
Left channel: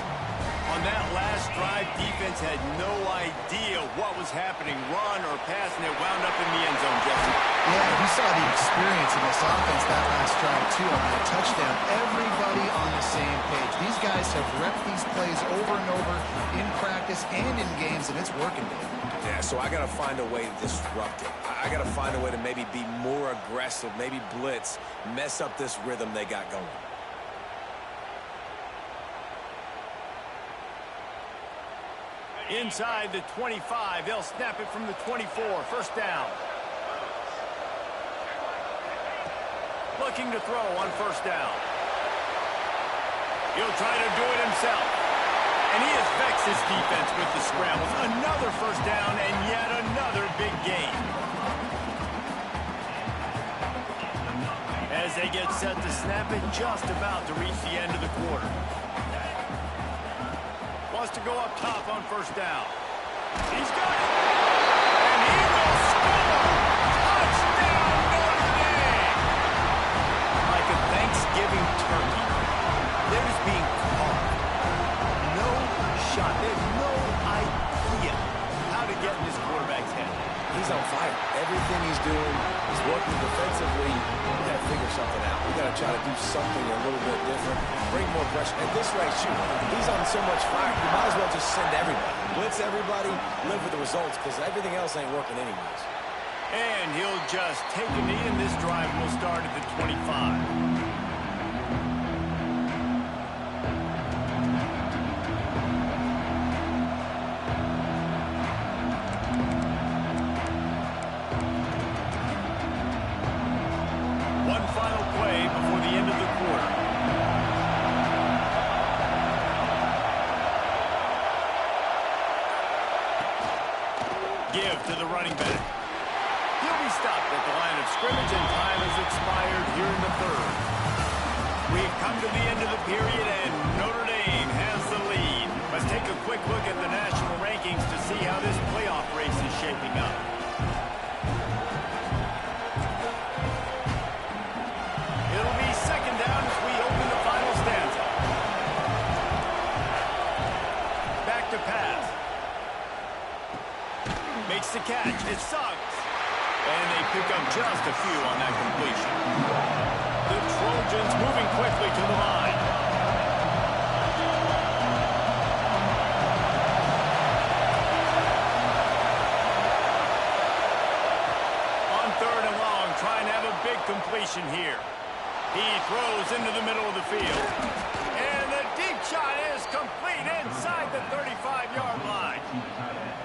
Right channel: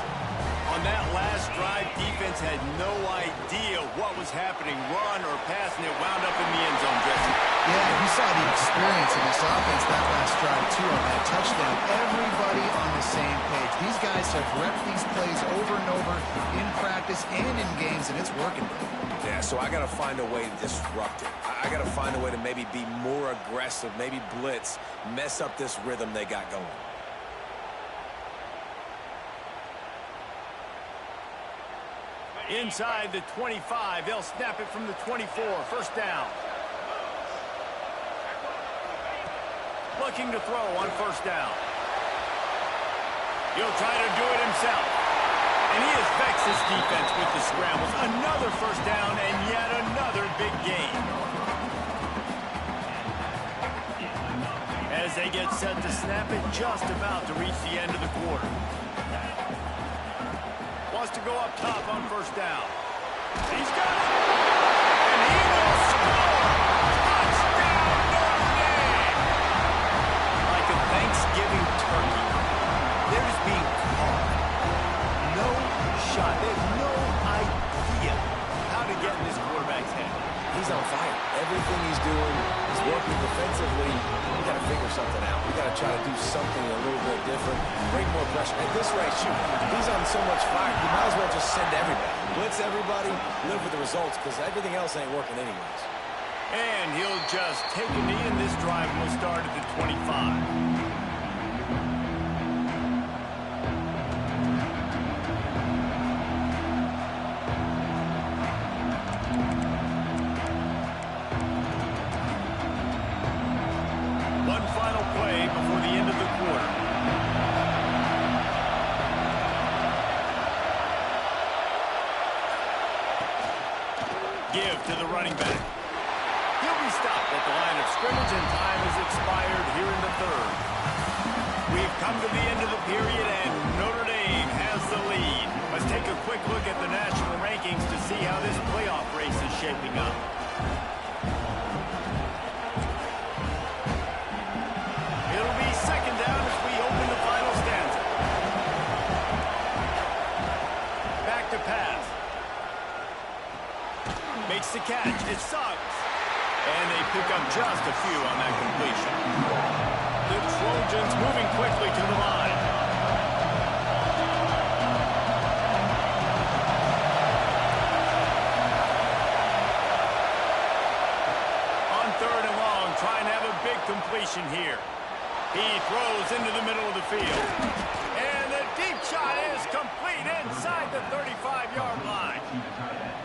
On that last drive, defense had no idea what was happening, run or pass, and it wound up in the end zone, Jesse. Yeah, you saw the experience in this offense that last drive, too, on that touchdown. Everybody on the same page. These guys have repped these plays over and over in practice and in games, and it's working. Yeah, so I got to find a way to disrupt it. I got to find a way to maybe be more aggressive, maybe blitz, mess up this rhythm they got going. Inside the 25, they'll snap it from the 24, 1st down. Looking to throw on 1st down. He'll try to do it himself. And he has vexed his defense with the scrambles. Another 1st down and yet another big gain. As they get set to snap it, just about to reach the end of the quarter. Wants to go up top on 1st down. He's got it. And he will score. Touchdown, Notre Dame. Like a Thanksgiving turkey. They're just being caught. No shot. They have no idea how to get in this quarterback's head. He's on fire. Everything he's doing is working defensively. We got to figure something out. We got to try to do something a little bit different. Bring more pressure. At this rate, shoot, he's on so much fire, you might as well just send everybody. Blitz everybody, live with the results, because everything else ain't working anyways. And he'll just take a knee, and this drive will start at the 25. Final play before the end of the quarter. Give to the running back. He'll be stopped at the line of scrimmage, and time has expired here in the 3rd. We've come to the end of the period, and Notre Dame has the lead. Let's take a quick look at the national rankings to see how this playoff race is shaping up. It'll be 2nd down as we open the final stanza. Back to pass. Makes the catch. It sucks. And they pick up just a few on that completion. The Trojans moving quickly to the line. On 3rd and long, trying to have a big completion here. He throws into the middle of the field. And the deep shot is complete inside the 35-yard line.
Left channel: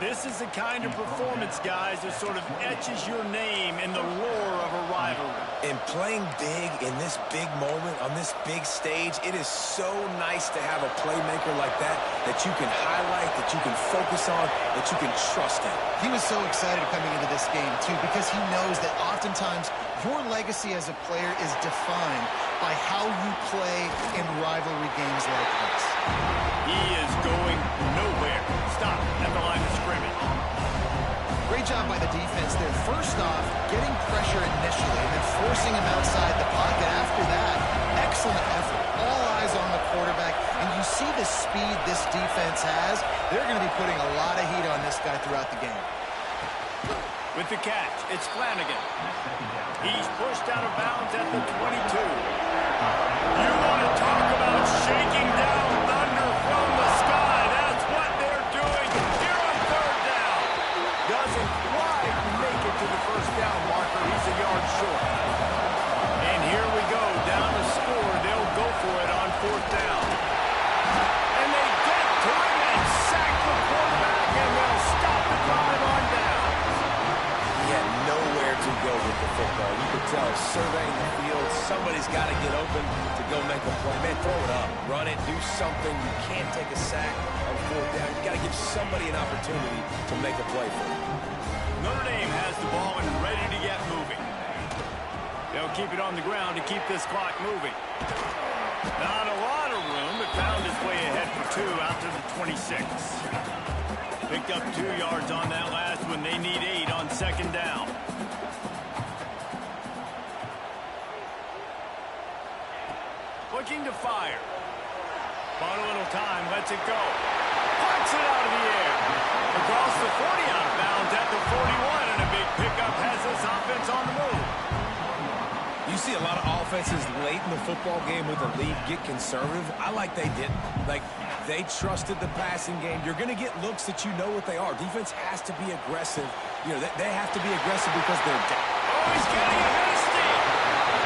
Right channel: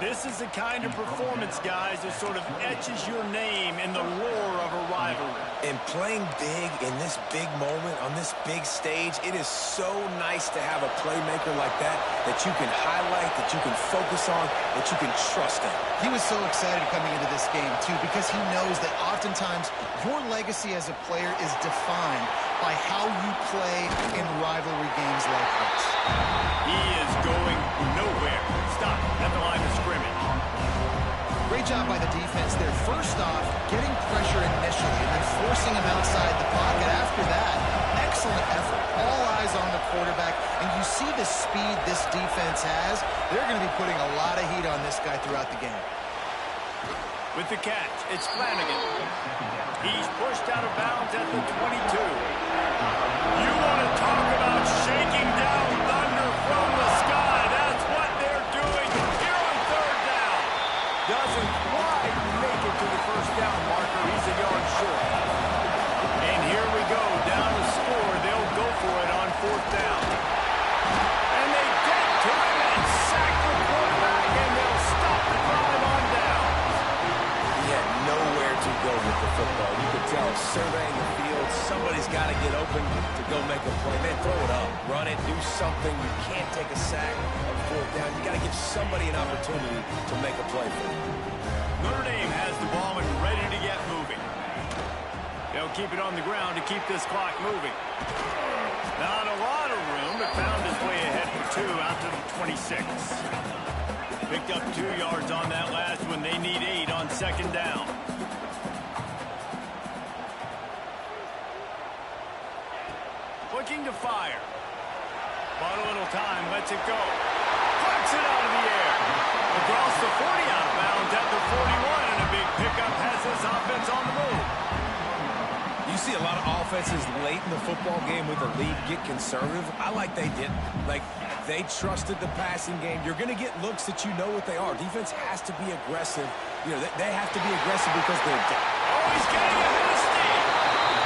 This is the kind of performance, guys, that sort of etches your name in the lore of a rivalry. And playing big in this big moment, on this big stage, it is so nice to have a playmaker like that you can highlight, that you can focus on, that you can trust in. He was so excited coming into this game, too, because he knows that oftentimes your legacy as a player is defined by how you play in rivalry games like this. He is going nowhere. Stop at the line of scrimmage. Great job by the defense there. First off, getting pressure initially and then forcing him outside the pocket. After that, excellent effort. All eyes on the quarterback. And you see the speed this defense has. They're going to be putting a lot of heat on this guy throughout the game. With the catch, it's Flanagan. He's pushed out of bounds at the 22. You want to talk about shaking down thunder from the sky. That's what they're doing here on third down. Doesn't quite make it to the first down marker. He's a yard short. And here we go, down to score. They'll go for it on fourth down. And they get to him and sack the quarterback, and they'll stop the drive on down. He had nowhere to go with the football. You could tell, surveying the field, somebody's got to get open to go make a play. Man, throw it up, run it, do something. You can't take a sack on fourth down. You got to give somebody an opportunity to make a play for you. Notre Dame has the ball and ready to get moving. They'll keep it on the ground to keep this clock moving. Not a lot of room, but found his way ahead for two out to the 26. Picked up 2 yards on that last one. They need 8 on second down. Looking to fire. Bought a little time, lets it go. Plucks it out of the air. Across the 40, out of bounds at the 41, and a big pickup has this offense on the move. You see a lot of offenses late in the football game with a lead get conservative. I like they didn't. Like, they trusted the passing game. You're going to get looks that you know what they are. Defense has to be aggressive. You know, they have to be aggressive because they're down. Oh, he's getting ahead of steam.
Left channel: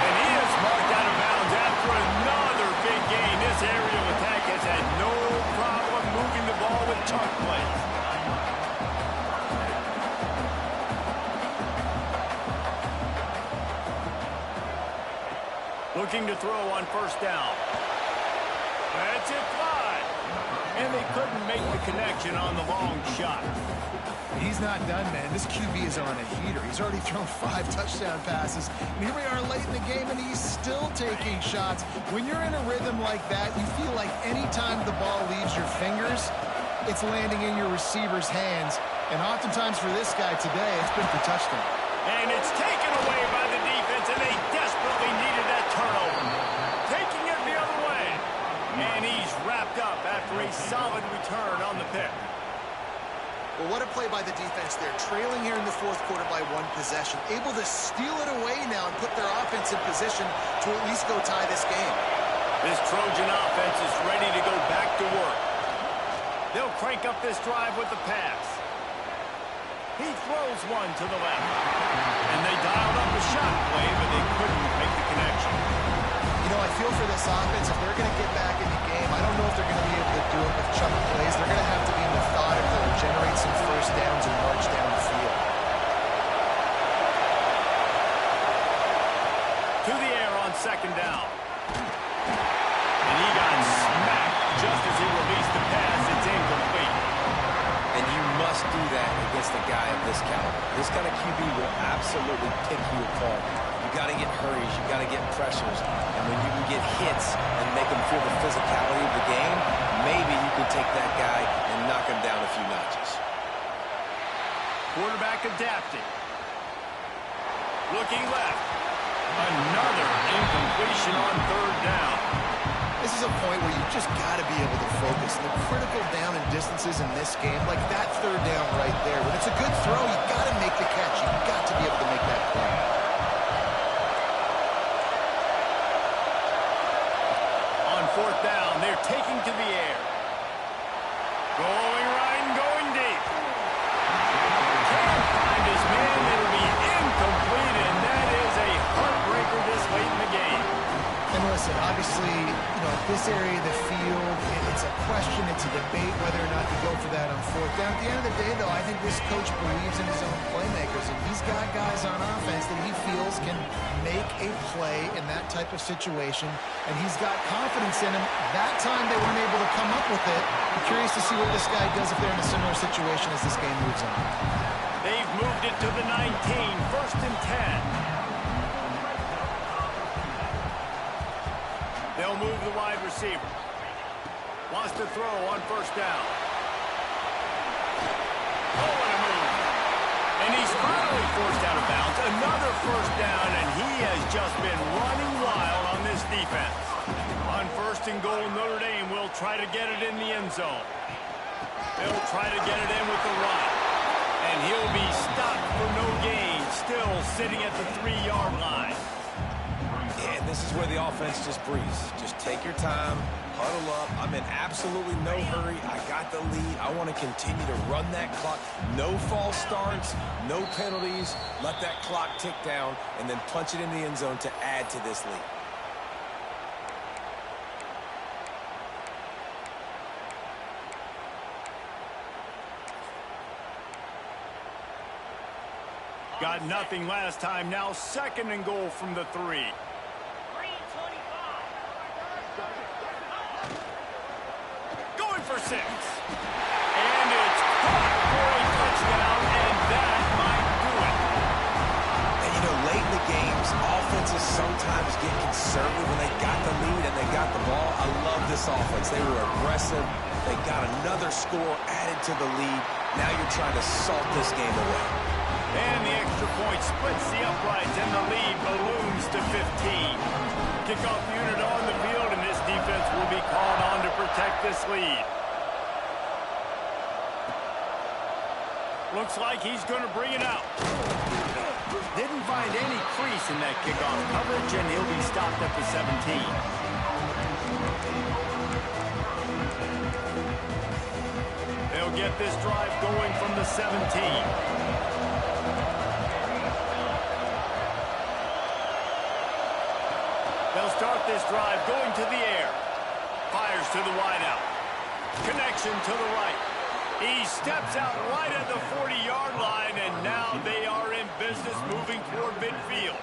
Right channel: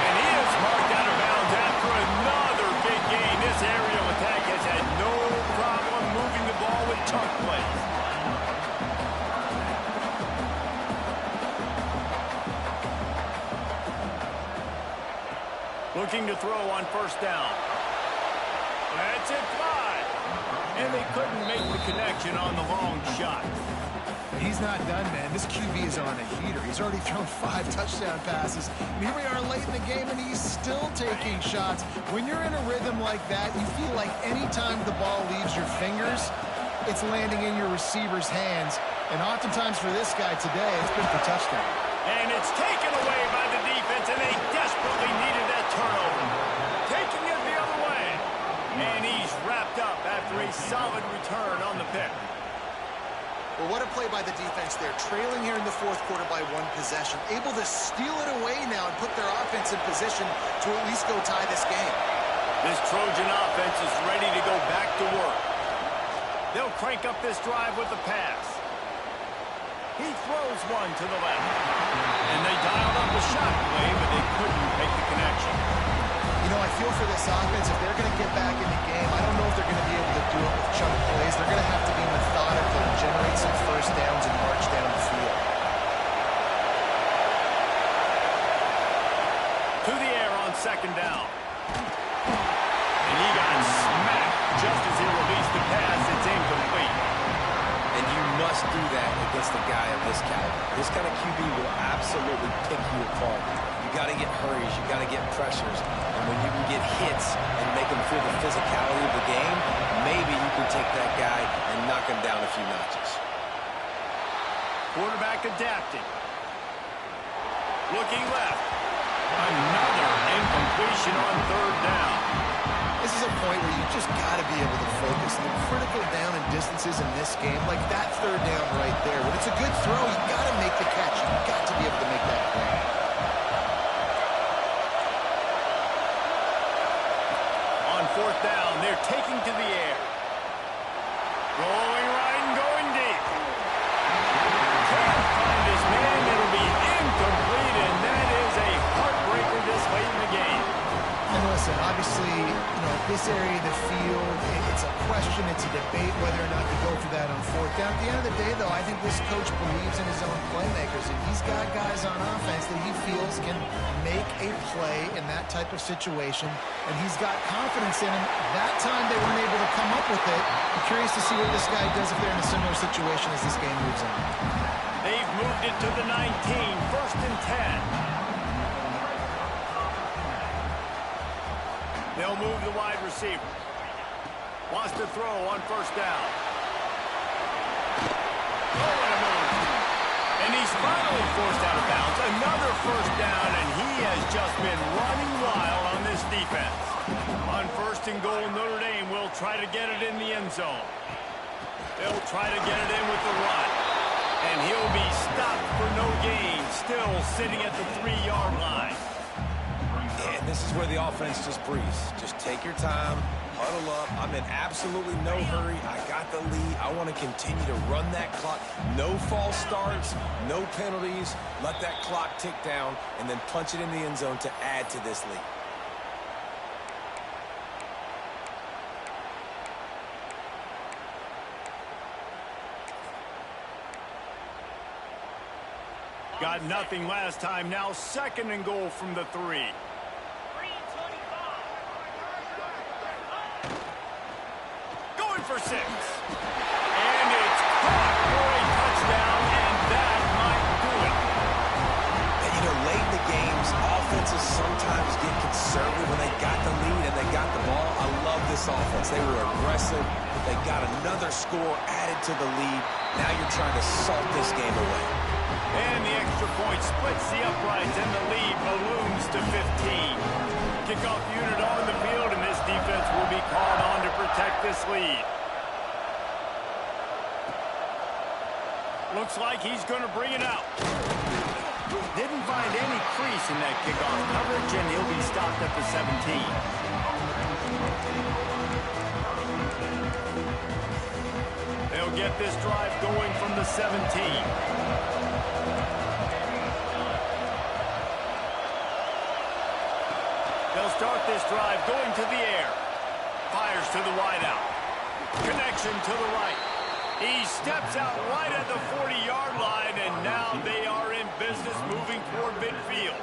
And he is marked out of bounds after another big gain. This aerial attack has had no problem moving the ball with chunk plays. Looking to throw on first down. That's it fly. And they couldn't make the connection on the long shot. He's not done, man. This QB is on a heater. He's already thrown 5 touchdown passes. And here we are late in the game, and he's still taking shots. When you're in a rhythm like that, you feel like any time the ball leaves your fingers, it's landing in your receiver's hands. And oftentimes for this guy today, it's been for touchdown. And it's taken away by the defense, and they desperately needed that turnover. Taking it the other way. And he's wrapped up after a solid return on the pick. Well, what a play by the defense there. Trailing here in the fourth quarter by 1 possession. Able to steal it away now and put their offense in position to at least go tie this game. This Trojan offense is ready to go back to work. They'll crank up this drive with the pass. He throws one to the left. And they dialed up a shot play, but they couldn't make the connection. You know, I feel for this offense, if they're going to get back in the game, I don't know if they're going to be able to do it with chunk plays. They're going to have to be methodical and generate some first downs and march down the field. To the air on second down. And he got smacked just as he released the pass. It's incomplete. And you must do that against a guy of this caliber. This kind of QB will absolutely pick you apart. You got to get hurries. You got to get pressures. And when you can get hits and make him feel the physicality of the game, maybe you can take that guy and knock him down a few notches. Quarterback adapting. Looking left. Another incompletion on third down. This is a point where you just got to be able to focus. The critical down and distances in this game, like that third down right there. When it's a good throw, you got to make the catch. You got to be able to make that play. On fourth down, they're taking to the air. Rolling right and going deep. Can't find his man. It'll be incomplete, and that is a heartbreaker this late in the game. And listen, obviously, at this area of the field, it's a question, it's a debate whether or not you go for that on fourth down. At the end of the day, though, I think this coach believes in his own playmakers, and he's got guys on offense that he feels can make a play in that type of situation, and he's got confidence in him. That time they weren't able to come up with it. I'm curious to see what this guy does if they're in a similar situation as this game moves on. They've moved it to the 19, 1st and 10. They'll move the wide receiver. Wants to throw on 1st down. Oh, what a move. And he's finally forced out of bounds. Another 1st down, and he has just been running wild on this defense. On 1st and goal, Notre Dame will try to get it in the end zone. They'll try to get it in with the run. And he'll be stopped for no gain, still sitting at the 3-yard line. And this is where the offense just breathes. Just take your time, huddle up. I'm in absolutely no hurry. I got the lead. I want to continue to run that clock. No false starts, no penalties. Let that clock tick down and then punch it in the end zone to add to this lead. Got nothing last time. Now 2nd and goal from the 3. Going for 6. And it's caught for a touchdown, and that might do it. And, late in the games, offenses sometimes get conservative when they got the lead and they got the ball. I love this offense. They were aggressive. They got another score added to the lead. Now you're trying to salt this game away. And the extra point splits the uprights, and the lead balloons to 15. Kickoff unit on the field, and this defense will be called on to protect this lead. Looks like he's going to bring it out. Didn't find any crease in that kickoff coverage, and he'll be stopped at the 17. They'll get this drive going from the 17. They'll start this drive going to the air. Fires to the wideout. Connection to the right. He steps out right at the 40-yard line, and now they are in business moving toward midfield.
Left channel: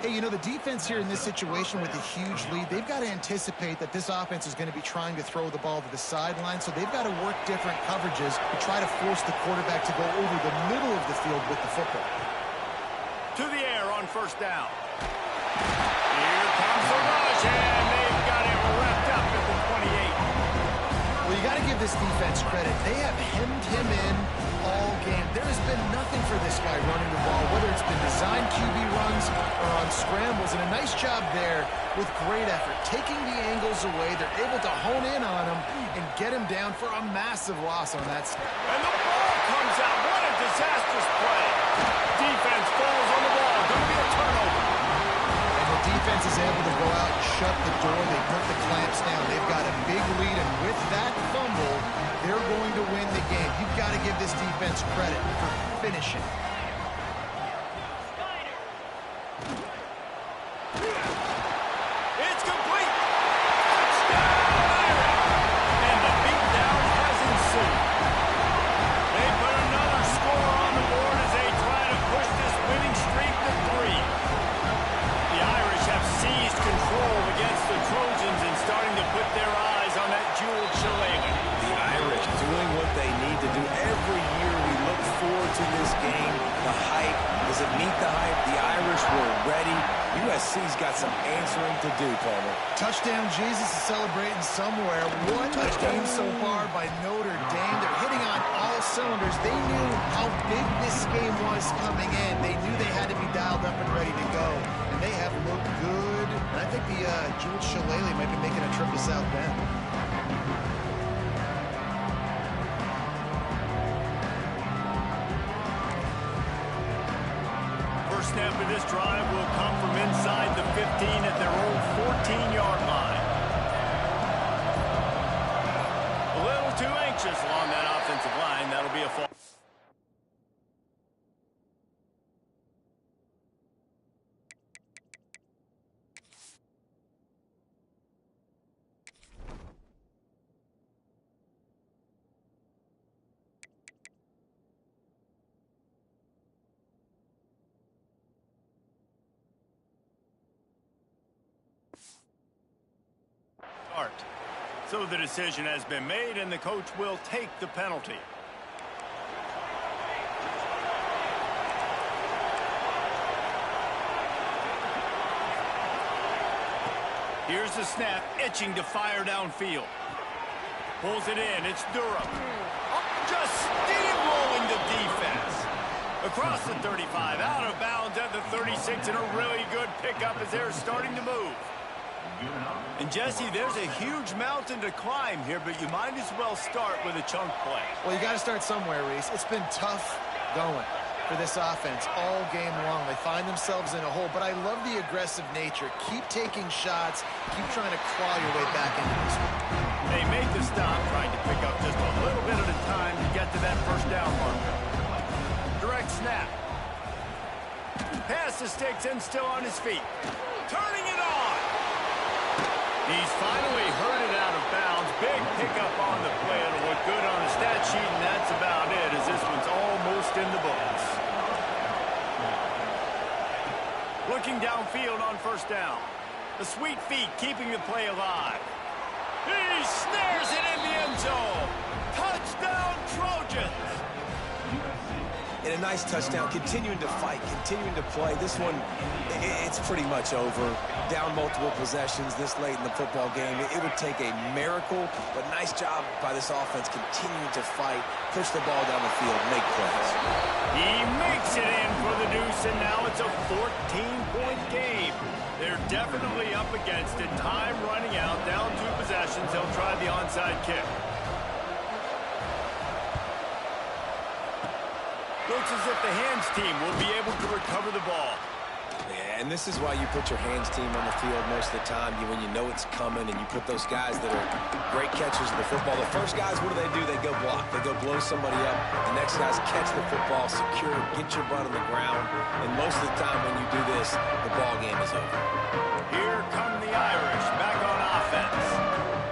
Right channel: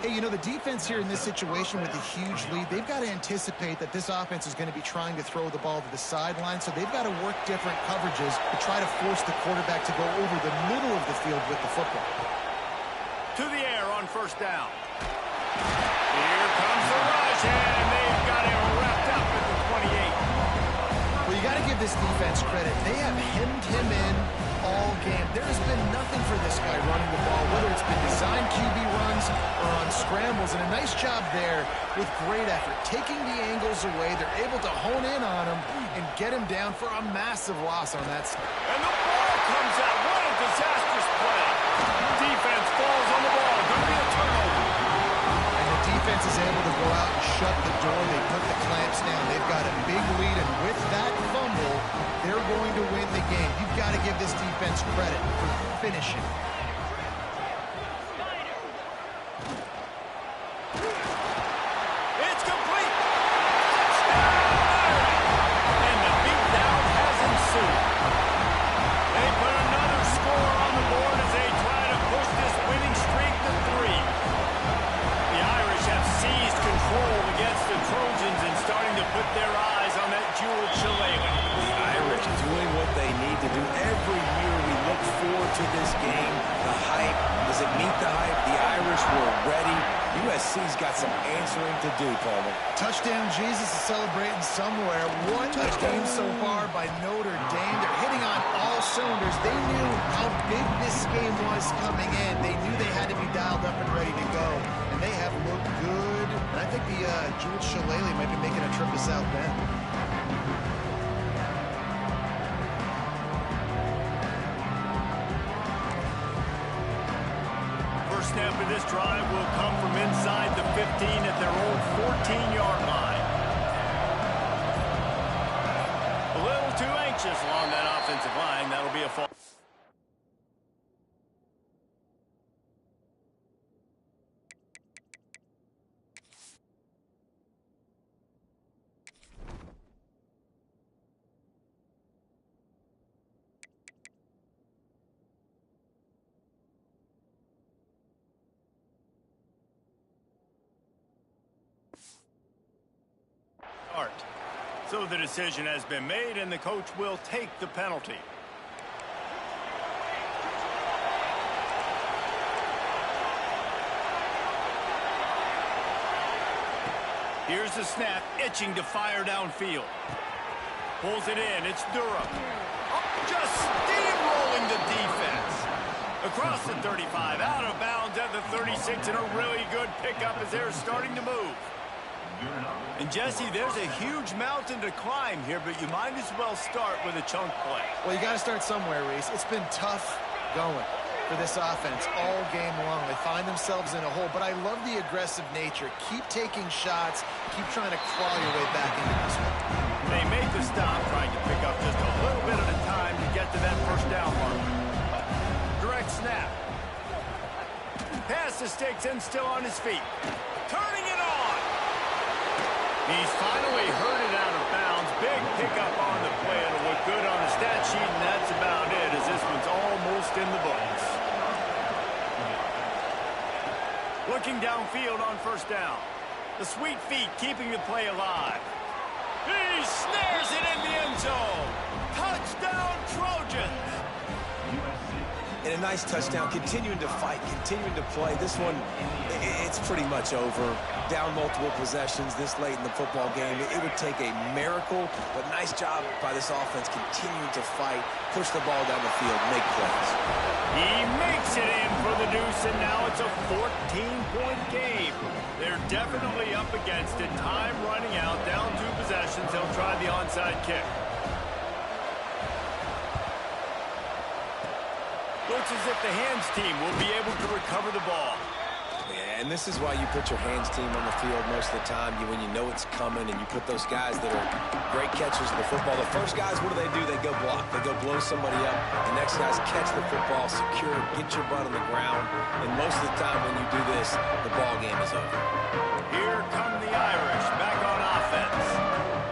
Hey, the defense here in this situation with a huge lead, they've got to anticipate that this offense is going to be trying to throw the ball to the sideline, so they've got to work different coverages to try to force the quarterback to go over the middle of the field with the football. To the air on 1st down. Here comes the rush, and they've got him wrapped up at the 28. Well, you got to give this defense credit. They have hemmed him in all game. There has been nothing for this guy running the ball, whether it's been designed QB runs or on scrambles, and a nice job there with great effort. Taking the angles away, they're able to hone in on him and get him down for a massive loss on that. And the ball comes out. What a disastrous play. Defense falls on the ball. Going to be a turnover. Defense is able to go out and shut the door. They put the clamps down. They've got a big lead, and with that fumble, they're going to win the game. You've got to give this defense credit for finishing. It's complete. Touchdown, Irish. And the beatdown has ensued. They put another score on the board as they try to push this winning streak to 3. The Irish have seized control against the Trojans and starting to put their eyes on that jeweled shillelagh. The Irish doing what they need to do. Every year we look forward to this game. The hype, does it meet the hype? The Irish were ready. USC's got some answering to do, Palmer. Touchdown Jesus is celebrating somewhere. What a game so far by Notre Dame. They're hitting on all cylinders. They knew how big this game was coming in. They knew they had to be dialed up and ready to go. And they have looked good. And I think the jeweled shillelagh might be making a trip to South Bend. Snap of this drive will come from inside the 15 at their own 14-yard line. A little too anxious along that offensive line. That'll be a fall. start. So the decision has been made, and the coach will take the penalty. Here's the snap, itching to fire downfield. Pulls it in, it's Durham. Oh, just steamrolling the defense. Across the 35, out of bounds at the 36, and a really good pickup as they're starting to move. And Jesse, there's a huge mountain to climb here, but you might as well start with a chunk play. Well, you got to start somewhere, Reese. It's been tough going for this offense all game long. They find themselves in a hole, but I love the aggressive nature. Keep taking shots. Keep trying to claw your way back into this one. They make the stop, trying to pick up just a little bit at a time to get to that first down marker. Direct snap. Pass to sticks and still on his feet. Turning it on. He's finally heard it out of bounds. Big pickup on the play. It'll look good on a stat sheet, and that's about it, as this one's almost in the books. Looking downfield on first down. The sweet feet keeping the play alive. He snares it in the end zone. Touchdown, Trojans. And a nice touchdown, continuing to fight, continuing to play. This one, it's pretty much over. Down multiple possessions this late in the football game. It would take a miracle, but nice job by this offense continuing to fight, push the ball down the field, make plays. He makes it in for the deuce, and now it's a 14-point game. They're definitely up against it. Time running out, down 2 possessions. They'll try the onside kick. Looks as if the hands team will be able to recover the ball. Yeah, and this is why you put your hands team on the field most of the time, when you know it's coming, and you put those guys that are great catchers of the football. The first guys, what do? They go block. They go blow somebody up. The next guys catch the football, secure, get your butt on the ground. And most of the time when you do this, the ball game is over. Here come the Irish, back on offense.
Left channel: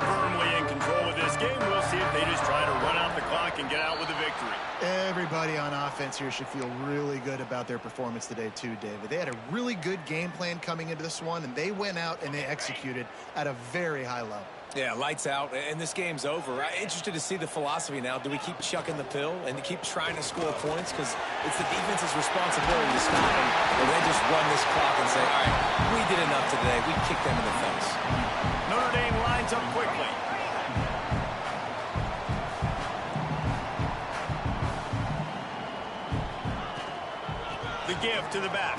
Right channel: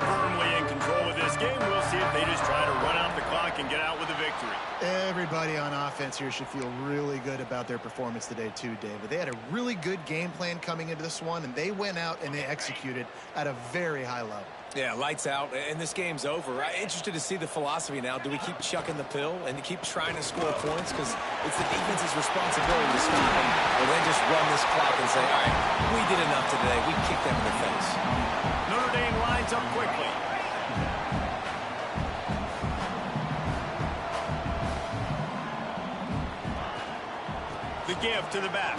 Firmly in control of this game. We'll see if they just try to run out the clock and get out with a victory. Everybody on offense here should feel really good about their performance today too, David. They had a really good game plan coming into this one, and they went out and they executed at a very high level. Yeah, lights out, and this game's over. I'm interested to see the philosophy now. Do we keep chucking the pill and keep trying to score points? Because it's the defense's responsibility to stop them, or they just run this clock and say, all right, we did enough today. We kicked them in the face. Notre Dame lines up quickly. The give to the back.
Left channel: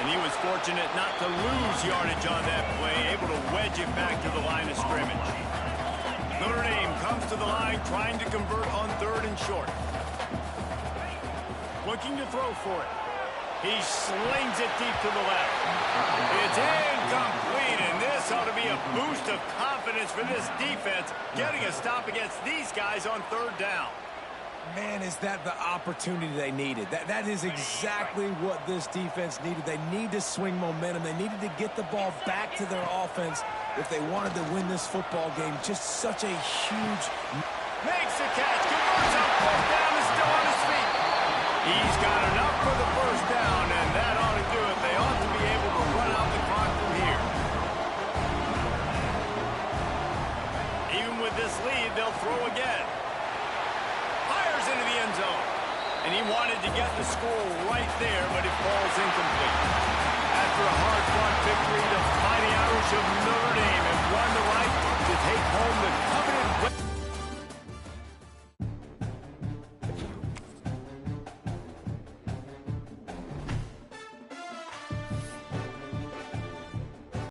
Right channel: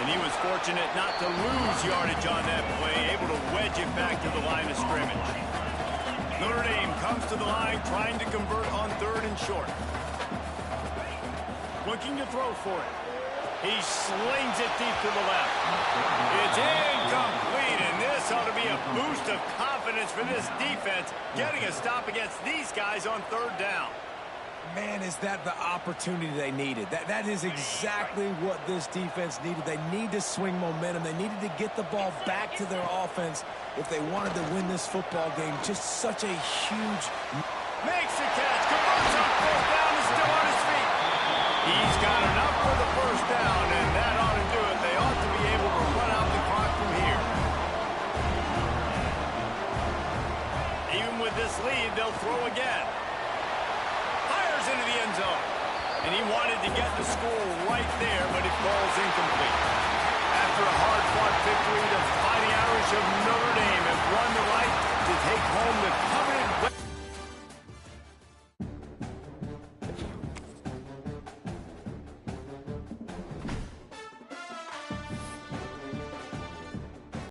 And he was fortunate not to lose yardage on that play, able to wedge it back to the line of scrimmage. Notre Dame comes to the line, trying to convert on 3rd and short. Looking to throw for it. He slings it deep to the left. It's incomplete, and this ought to be a boost of confidence for this defense, getting a stop against these guys on 3rd down. Man, is that the opportunity they needed. That is exactly what this defense needed. They need to swing momentum. They needed to get the ball back to their offense if they wanted to win this football game. Just such a huge... Makes the catch, converts on 4th down, and still on his feet. He's got enough for the 1st down, and that ought to do it. They ought to be able to run out the clock from here. Even with this lead, they'll throw again. Fires into the end zone. And he wanted to get the score right there, but it falls incomplete. After a hard-fought victory, the Fighting Irish of Notre Dame have won the right to take home the coveted...